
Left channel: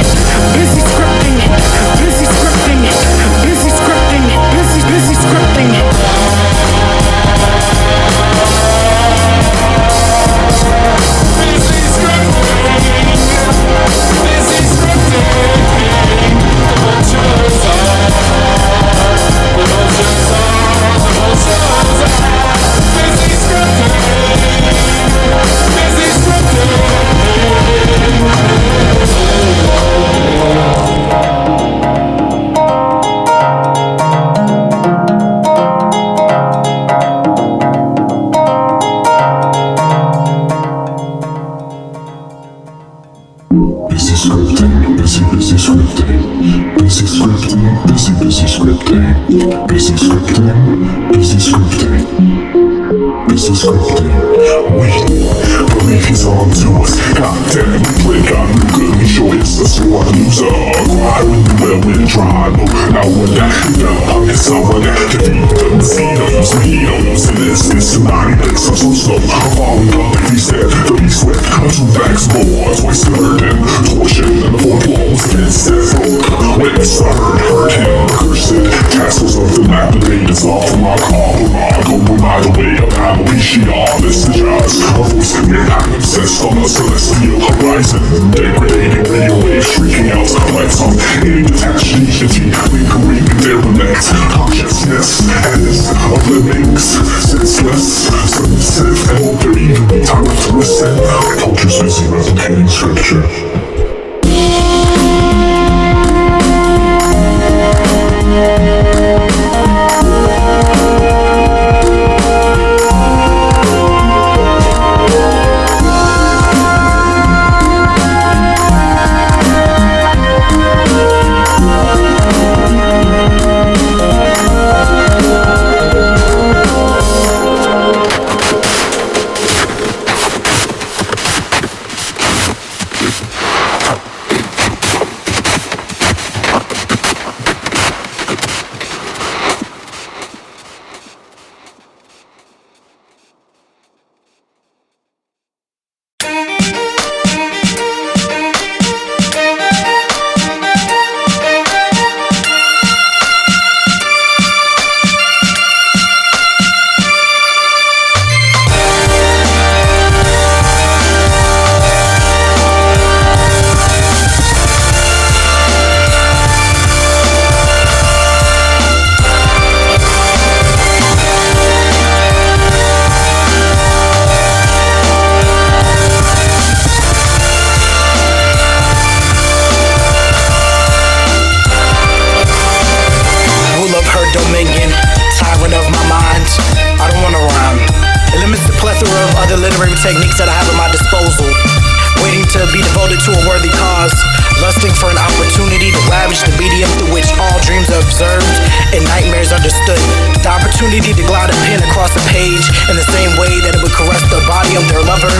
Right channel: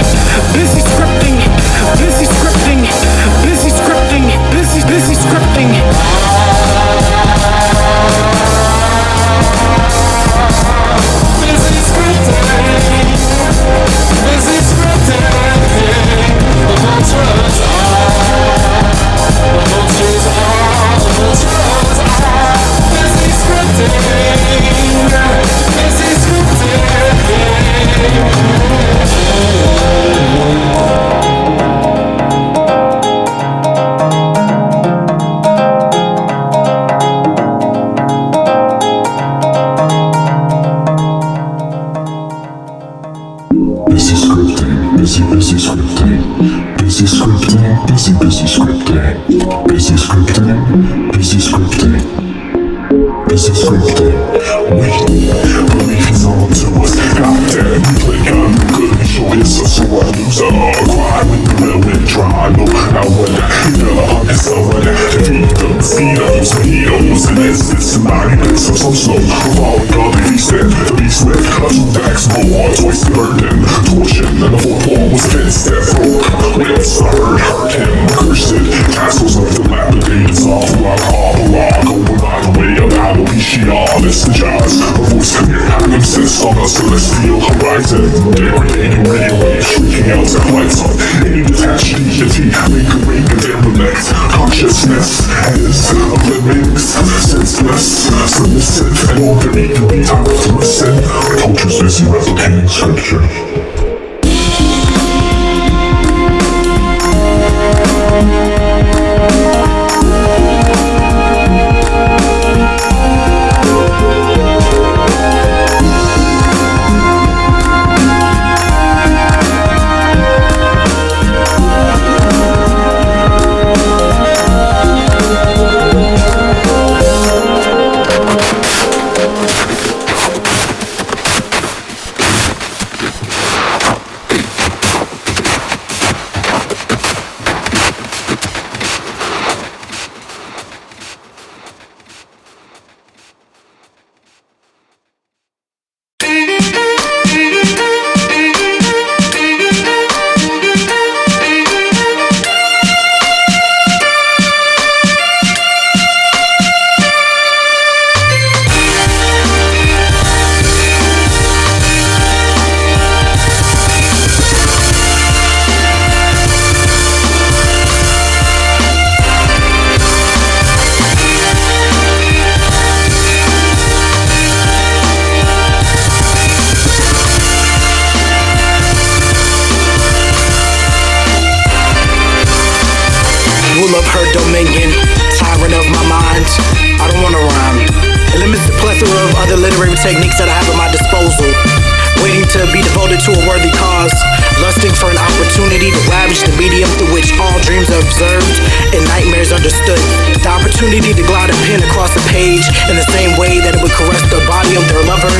busy scripting, busy scripting, busy scripting, busy scripting. Of her dominion, tyrant of my mind. I don't wanna rhyme. It limits the plethora of other literary techniques that I have at my disposal. Waiting to be devoted to a worthy cause, lusting for an opportunity to ravage the medium through which all dreams are observed and nightmares understood. The opportunity to glide a pen across a page in the same way that it would caress the body of their lover.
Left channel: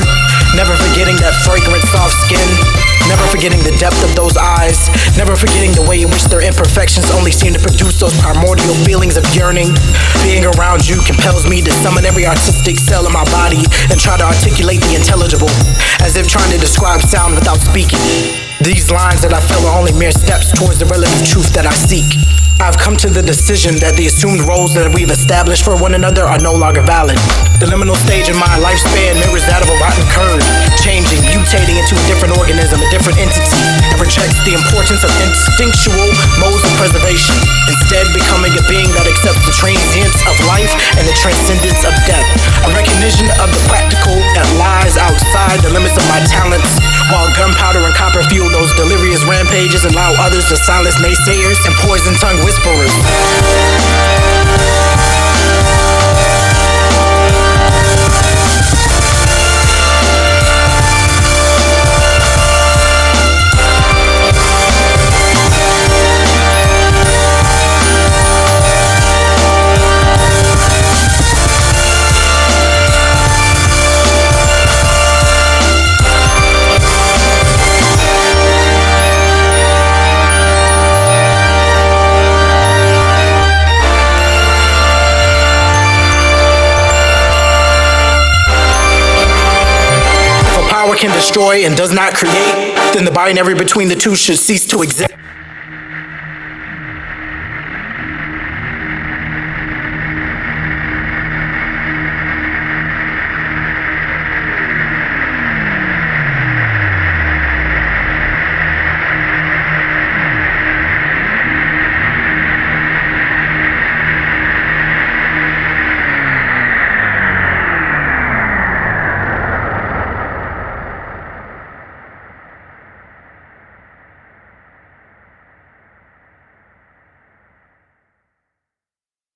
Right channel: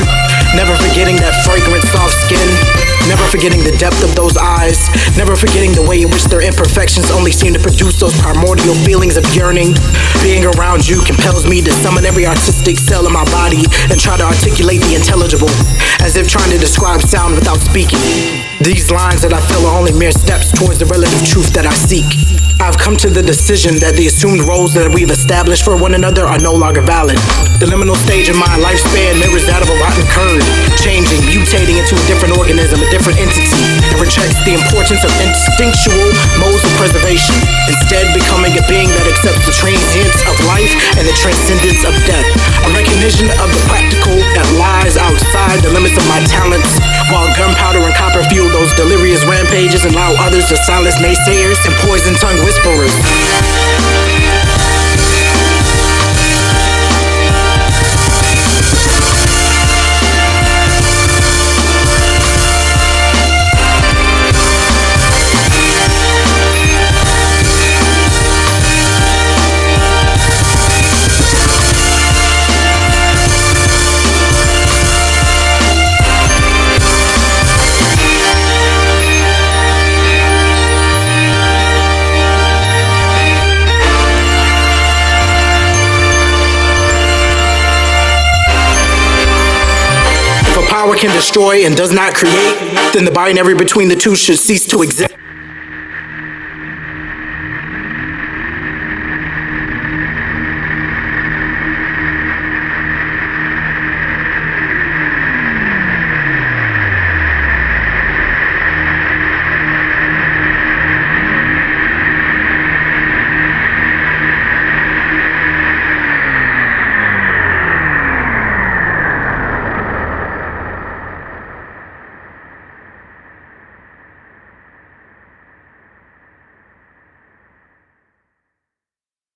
Never forgetting that fragrant soft skin. Never forgetting the depth of those eyes. Never forgetting the way in which their imperfections only seem to produce those primordial feelings of yearning. Being around you compels me to summon every artistic cell in my body and try to articulate the intelligible, as if trying to describe sound without speaking. These lines that I feel are only mere steps towards the relative truth that I seek. I've come to the decision that the assumed roles that we've established for one another are no longer valid. The liminal stage of my lifespan mirrors that of a rotten curd, changing, mutating into a different organism, a different entity, and rejects the importance of instinctual modes of preservation, instead becoming a being that accepts the transience of life and the transcendence of death. A recognition of the practical that lies outside the limits of my talents, while gunpowder and copper fuel those delirious rampages and allow others to silence naysayers and poison tongue whisperers. power can destroy and does not create, then the binary between the two should cease to exist.